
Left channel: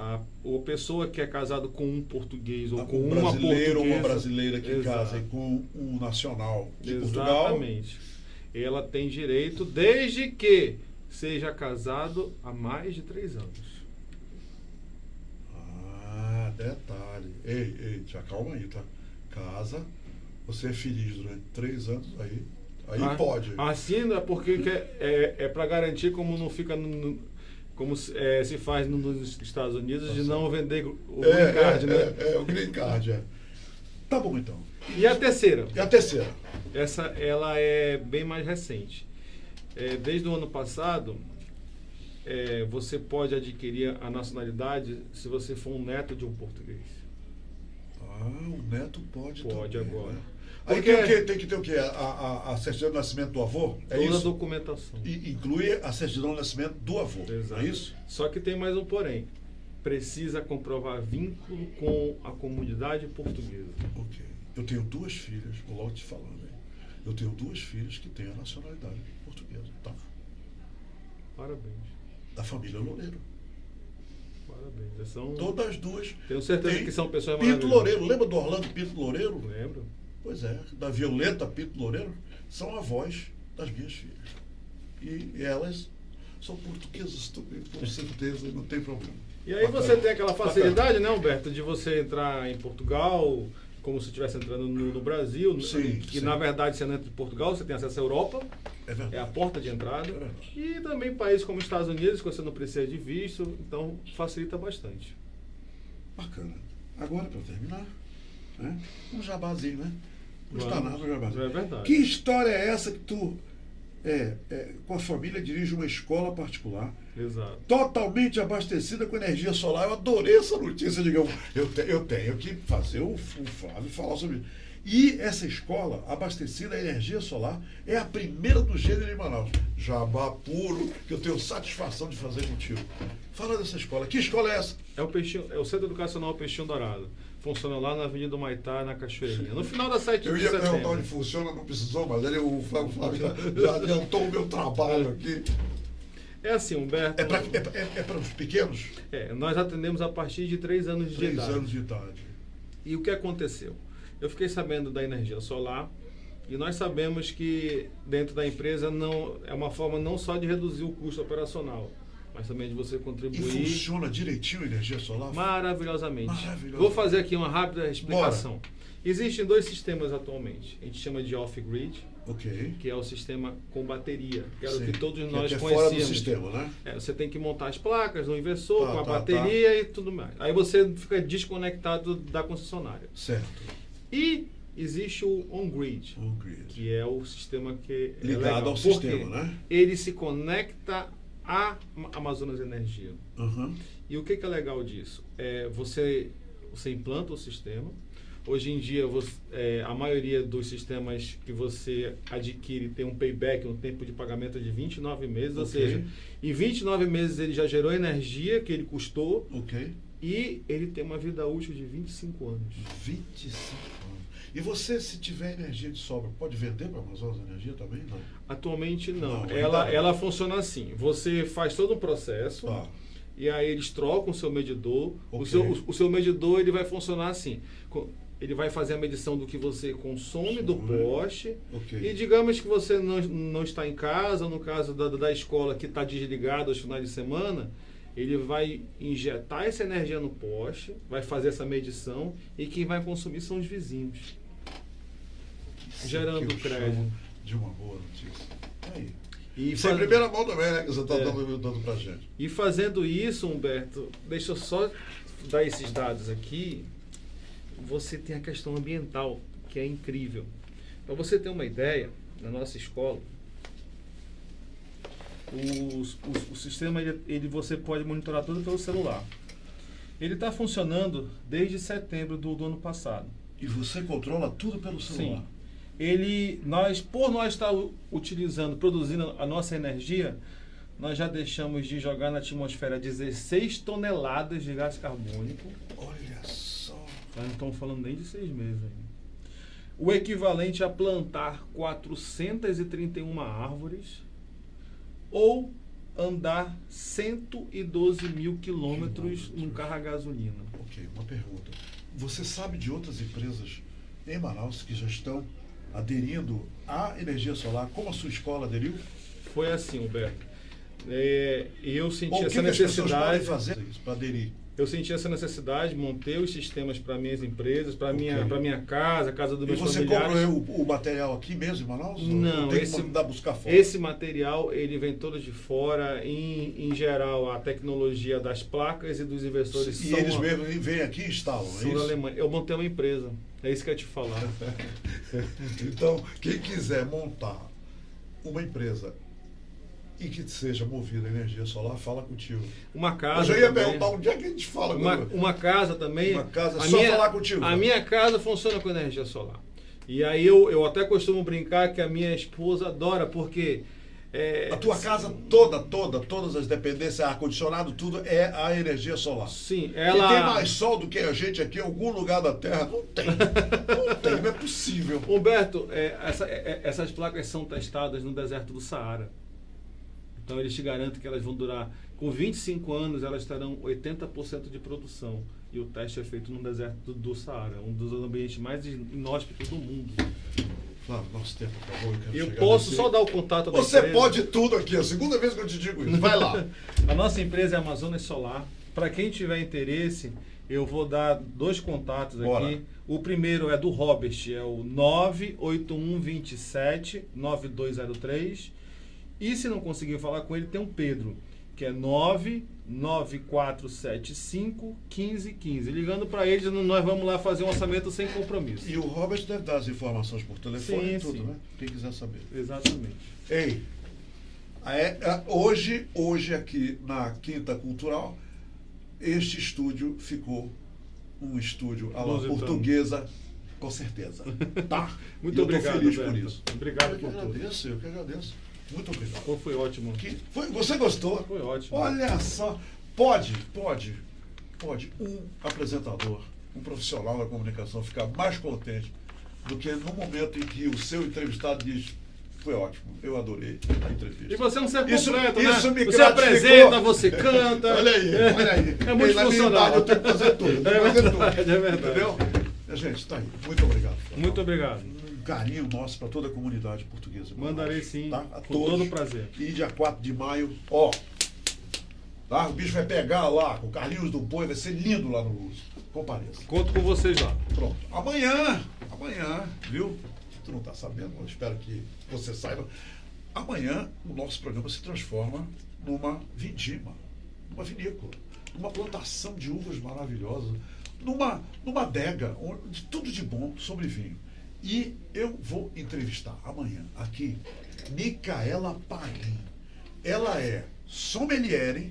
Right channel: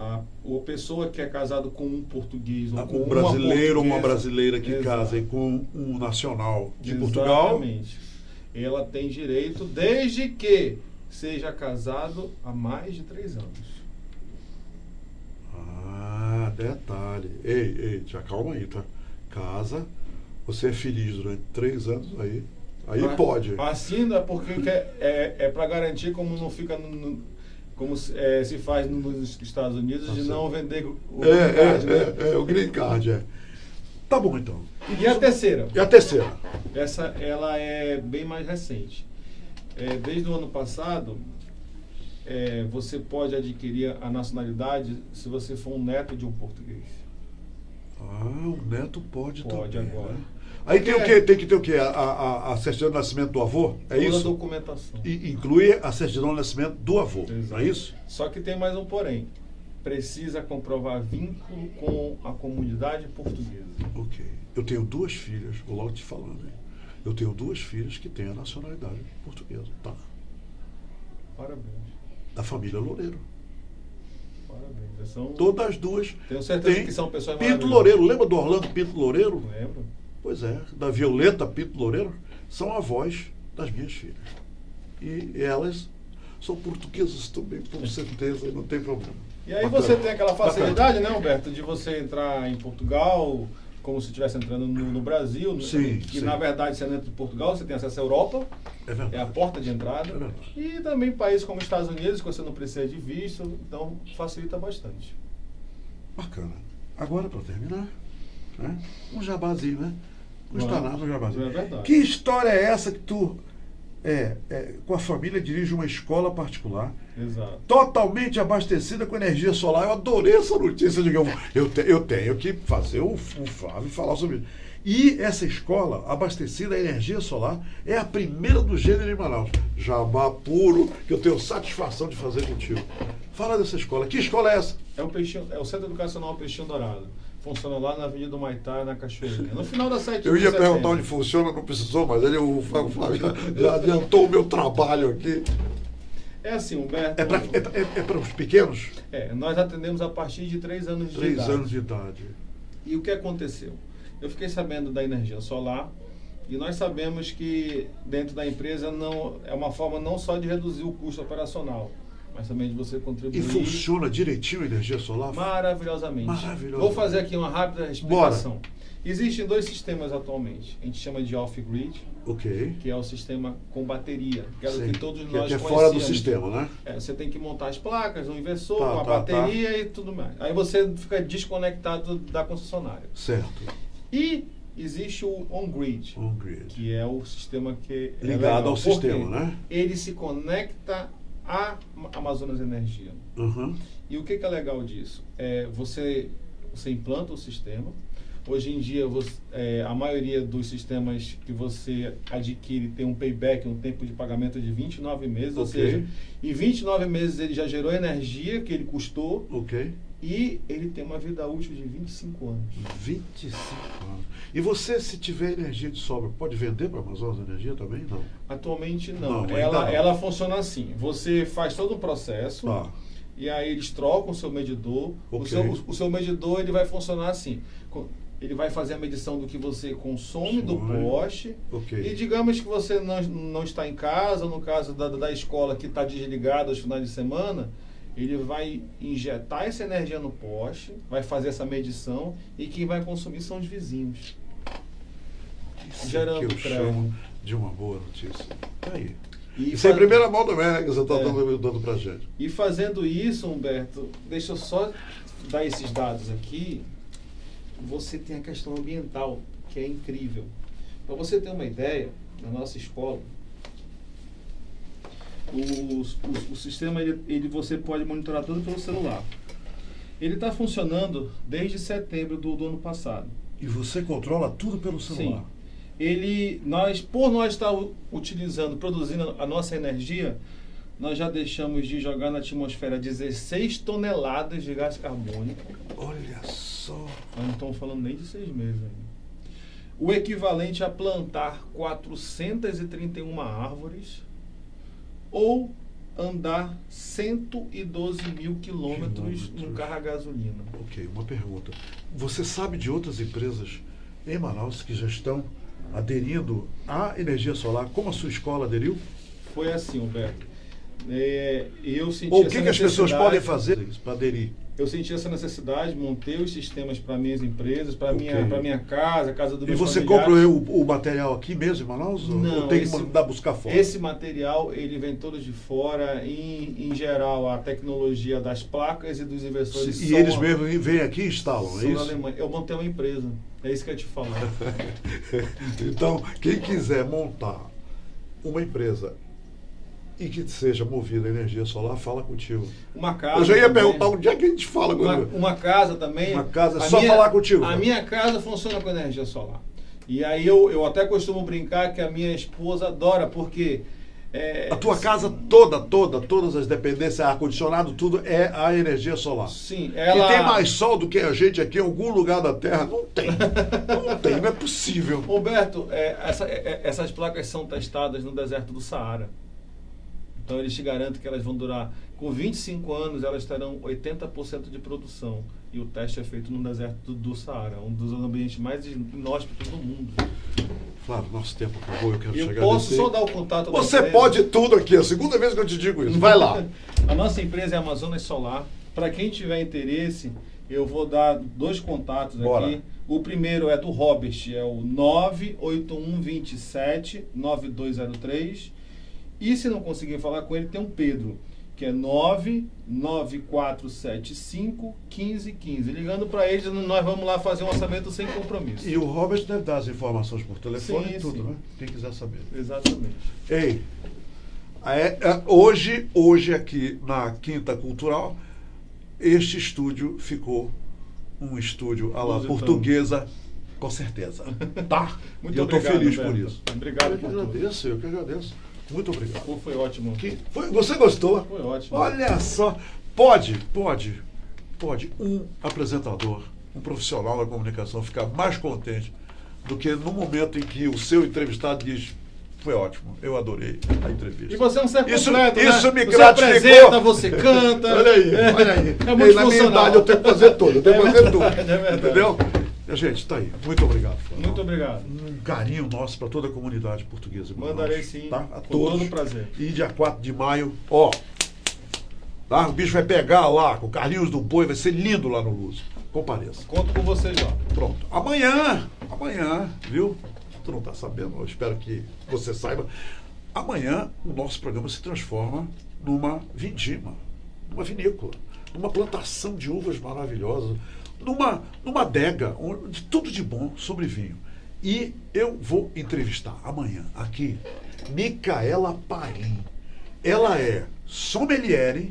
A pessoa que é casado com um português ou com Um uma brasileiro ou uma portuguesa, brasileira que exato, casem com um nacional de Portugal. exatamente, ela tem direito desde que seja casado há mais de 3 anos. Ah, detalhe. Ei, te acalma aí, tá? Casa, você é feliz durante 3 anos, aí pode. Assim é porque é para garantir, como não fica como se faz nos Estados Unidos, de não vender o green card, né? O green card, é. Tá bom, então. E a terceira? E a terceira? Essa, ela é bem mais recente. Desde o ano passado, você pode adquirir a nacionalidade se você for um neto de um português. Ah, o neto pode Pode também, agora. né? Aí tem o quê? Tem que ter o quê? A certidão de nascimento do avô? É Toda isso? a documentação. E inclui a certidão de nascimento do avô, Exato. não é isso? Só que tem mais um porém. Precisa comprovar vínculo com a comunidade portuguesa. Ok. Eu tenho 2 filhas, vou logo te falando, hein? Eu tenho 2 filhas que têm a nacionalidade portuguesa, tá? Parabéns. Da família Loureiro. Parabéns. São, Todas as 2. tenho certeza têm que são pessoas Pinto maravilhosas. Loureiro. Lembra do Orlando Pinto Loureiro? Lembro. Pois é, da Violeta Pinto Loureiro. São avós das minhas filhas. E elas são portuguesas também, com certeza, não tem problema. E aí Bacana. você tem aquela facilidade, né, Humberto, de você entrar em Portugal como se estivesse entrando no Brasil. Sim, que sim. na verdade, você entra em Portugal, você tem acesso à Europa, É verdade. é a porta de entrada. É verdade. E também países como os Estados Unidos, que você não precisa de visto, então facilita bastante. Bacana. Agora, para terminar, né? Um jabazinho, né? Não está Vamos. nada, um jabazinho. É verdade. Que história é essa que tu, com a família, dirige uma escola particular, Exato. totalmente abastecida com energia solar? Eu adorei essa notícia. Eu tenho que fazer o Flávio falar sobre isso. E essa escola, abastecida a energia solar, é a primeira do gênero em Manaus. Jabá puro, que eu tenho satisfação de fazer contigo. Fala dessa escola. Que escola é essa? É o Centro Educacional Peixinho Dourado. Funciona lá na Avenida Maitá, na Cachoeirinha. No final da 7 Eu ia de perguntar setembro. onde funciona, não precisou, mas o Flávio já adiantou o meu trabalho aqui. É assim, Humberto. É para os pequenos? Nós atendemos a partir de 3 anos de 3 idade. anos de idade. E o que aconteceu? Eu fiquei sabendo da energia solar e nós sabemos que dentro da empresa não é uma forma não só de reduzir o custo operacional, mas também de você E contribuir funciona direitinho a energia solar? maravilhosamente. Maravilhoso. Vou fazer aqui uma rápida explicação. Existem 2 sistemas atualmente. A gente chama de off-grid, Ok. que é o sistema com bateria, que era o Sim. que todos nós Que é conhecíamos. fora do sistema, né? Você tem que montar as placas no inversor, Tá, com a tá, bateria e tudo mais. Aí você fica desconectado da concessionária. Certo. E existe o on-grid, On-grid. que é o sistema que é Ligado legal, ao porque sistema, né? ele se conecta à Amazonas Energia. Uhum. E o que é legal disso? Você implanta o sistema. Hoje em dia, a maioria dos sistemas que você adquire tem um payback, um tempo de pagamento de 29 meses, ou Ok. seja, em 29 meses ele já gerou energia que ele custou Ok. e ele tem uma vida útil de 25 anos. 25 anos. E você, se tiver energia de sobra, pode vender para a Amazonas Energia também? Não. Atualmente Não, não. ainda Ela, não. ela funciona assim. Você faz todo o processo Tá. e aí eles trocam o seu medidor. Ok. O seu medidor ele vai funcionar assim. Ele vai fazer a medição do que você consome do poste. Ok. E digamos que você não está em casa, no caso da escola que está desligada aos finais de semana, ele vai injetar essa energia no poste, vai fazer essa medição e quem vai consumir são os vizinhos. Isso Gerando que eu crédito. chamo de uma boa notícia. Tá aí. E Isso é fa- em primeira mão também, né? Que você está É. dando pra gente. E fazendo isso, Humberto, deixa eu só dar esses dados aqui. Você tem a questão ambiental, que é incrível. Para você ter uma ideia, na nossa escola, o sistema você pode monitorar tudo pelo celular. Ele está funcionando desde setembro do ano passado. E você controla tudo pelo celular? Sim. Por nós estar produzindo a nossa energia, nós já deixamos de jogar na atmosfera 16 toneladas de gás carbônico. Olha só. Nós não estamos falando nem de 6 meses ainda. O equivalente a plantar 431 árvores ou andar 112 mil quilômetros num carro a gasolina. Ok, uma pergunta. Você sabe de outras empresas em Manaus que já estão aderindo à energia solar, como a sua escola aderiu? Foi assim, Humberto. Eu senti Ou o essa que as pessoas necessidade- podem fazer para aderir? Eu senti essa necessidade, montei os sistemas para minhas empresas, para Ok. minha casa, a casa dos E meus você familiares. compra o material aqui mesmo em Manaus? Não, ou tem esse- que mandar buscar fora? Esse material, ele vem todo de fora. Em geral, a tecnologia das placas e dos inversores E são eles mesmos vêm aqui e instalam, é são na isso? Alemanha. Eu montei uma empresa. É isso que eu ia te falar. Então, quem quiser montar uma empresa e que seja movida a energia solar, fala contigo. Uma casa. Eu já ia também. perguntar onde é que a gente fala com Uma casa também. Uma casa, é A só falar contigo. A minha casa funciona com energia solar. E aí eu até costumo brincar que a minha esposa adora, porque... A tua casa todas as dependências, ar-condicionado, tudo é a energia solar. Sim, E ela... tem mais sol do que a gente aqui em algum lugar da Terra? Não tem. Não tem, não é possível. Humberto, essas placas são testadas no deserto do Saara. Então eles te garantem que elas vão durar, com 25 anos, elas terão 80% de produção. E o teste é feito no deserto do Saara, um dos ambientes mais inóspitos do mundo. Claro, nosso tempo acabou, eu quero E eu chegar posso nesse- só dar o contato da Você empresa. pode tudo aqui, é a segunda vez que eu te digo isso. Vai lá. A nossa empresa é Amazonas Solar. Para quem tiver interesse, eu vou dar 2 contatos Bora. aqui. O primeiro é do Robert, é o 98127-9203. E se não conseguir falar com ele, tem um Pedro, que é 99475-1515. Ligando para eles, nós vamos lá fazer um orçamento sem compromisso. E o Robert deve dar as informações por telefone Sim, e tudo, sim. né? Quem quiser saber. Exatamente. Ei, hoje aqui na Quinta Cultural, este estúdio ficou um estúdio à la Lusitano. portuguesa, com certeza. Tá? Muito E eu estou obrigado, feliz por Humberto. isso. Obrigado Eu que por tudo. agradeço, eu que agradeço. Muito obrigado. Pô, foi ótimo. Você gostou? Foi ótimo. Olha só, pode um apresentador, um profissional da comunicação ficar mais contente do que no momento em que o seu entrevistado diz: foi ótimo, eu adorei a entrevista. E você é um ser Isso- completo, isso né? me Você gratificou. apresenta, você canta. Olha aí. É Na minha multifuncional. idade eu tenho que fazer tudo, eu tenho que fazer tudo. É verdade. Entendeu? Gente, tá aí. Muito obrigado. Muito obrigado. Um carinho nosso para toda a comunidade portuguesa. em Manaus, Mandarei sim, tá? A com todos. todo prazer. E dia 4 de maio, ó. Tá? O bicho vai pegar lá com Carlinhos do Boi, vai ser lindo lá no Luz. Compareça. Conto com vocês lá. Pronto. Amanhã, viu? Tu não tá sabendo, eu espero que você saiba. Amanhã o nosso programa se transforma numa vindima, numa vinícola, numa plantação de uvas maravilhosas, numa adega, de tudo de bom sobre vinho. E eu vou entrevistar amanhã aqui Micaela Parim. Ela é sommelier,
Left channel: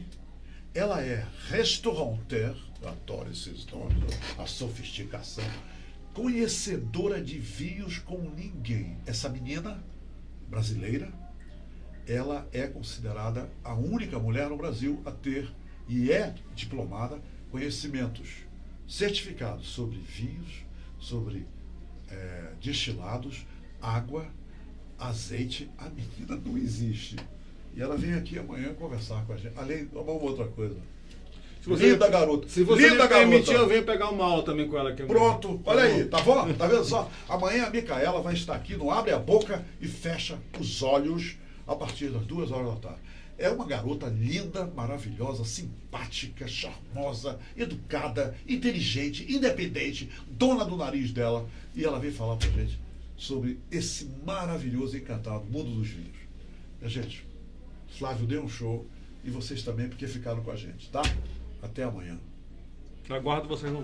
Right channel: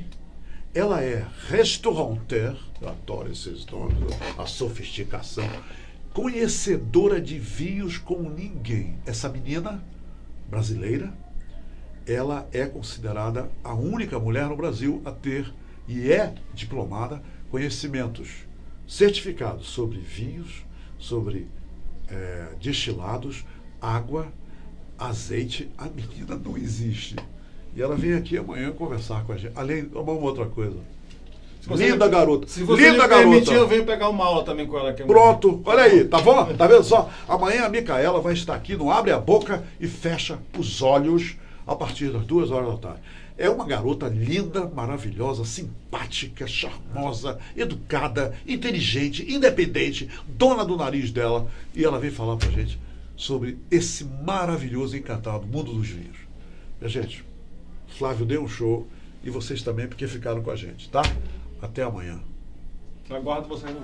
ela é restaurateur, eu adoro esses nomes, a sofisticação, conhecedora de vinhos como ninguém. Essa menina brasileira, ela é considerada a única mulher no Brasil a ter, e é diplomada, conhecimentos certificados sobre vinhos, sobre destilados, água, azeite. A menina não existe. E ela vem aqui amanhã conversar com a gente. Além de uma outra coisa. Linda garota. Se você Linda me permitir, eu venho pegar uma aula também com ela aqui. Pronto, olha aí, tá bom? Tá vendo só? Amanhã a Micaela vai estar aqui no Abre a Boca e Fecha os Olhos a partir das 2h da tarde. É uma garota linda, maravilhosa, simpática, charmosa, educada, inteligente, independente, dona do nariz dela. E ela vem falar pra gente sobre esse maravilhoso e encantado mundo dos vinhos. Minha gente, Flávio deu um show e vocês também, porque ficaram com a gente, tá? Até amanhã. Aguardo vocês no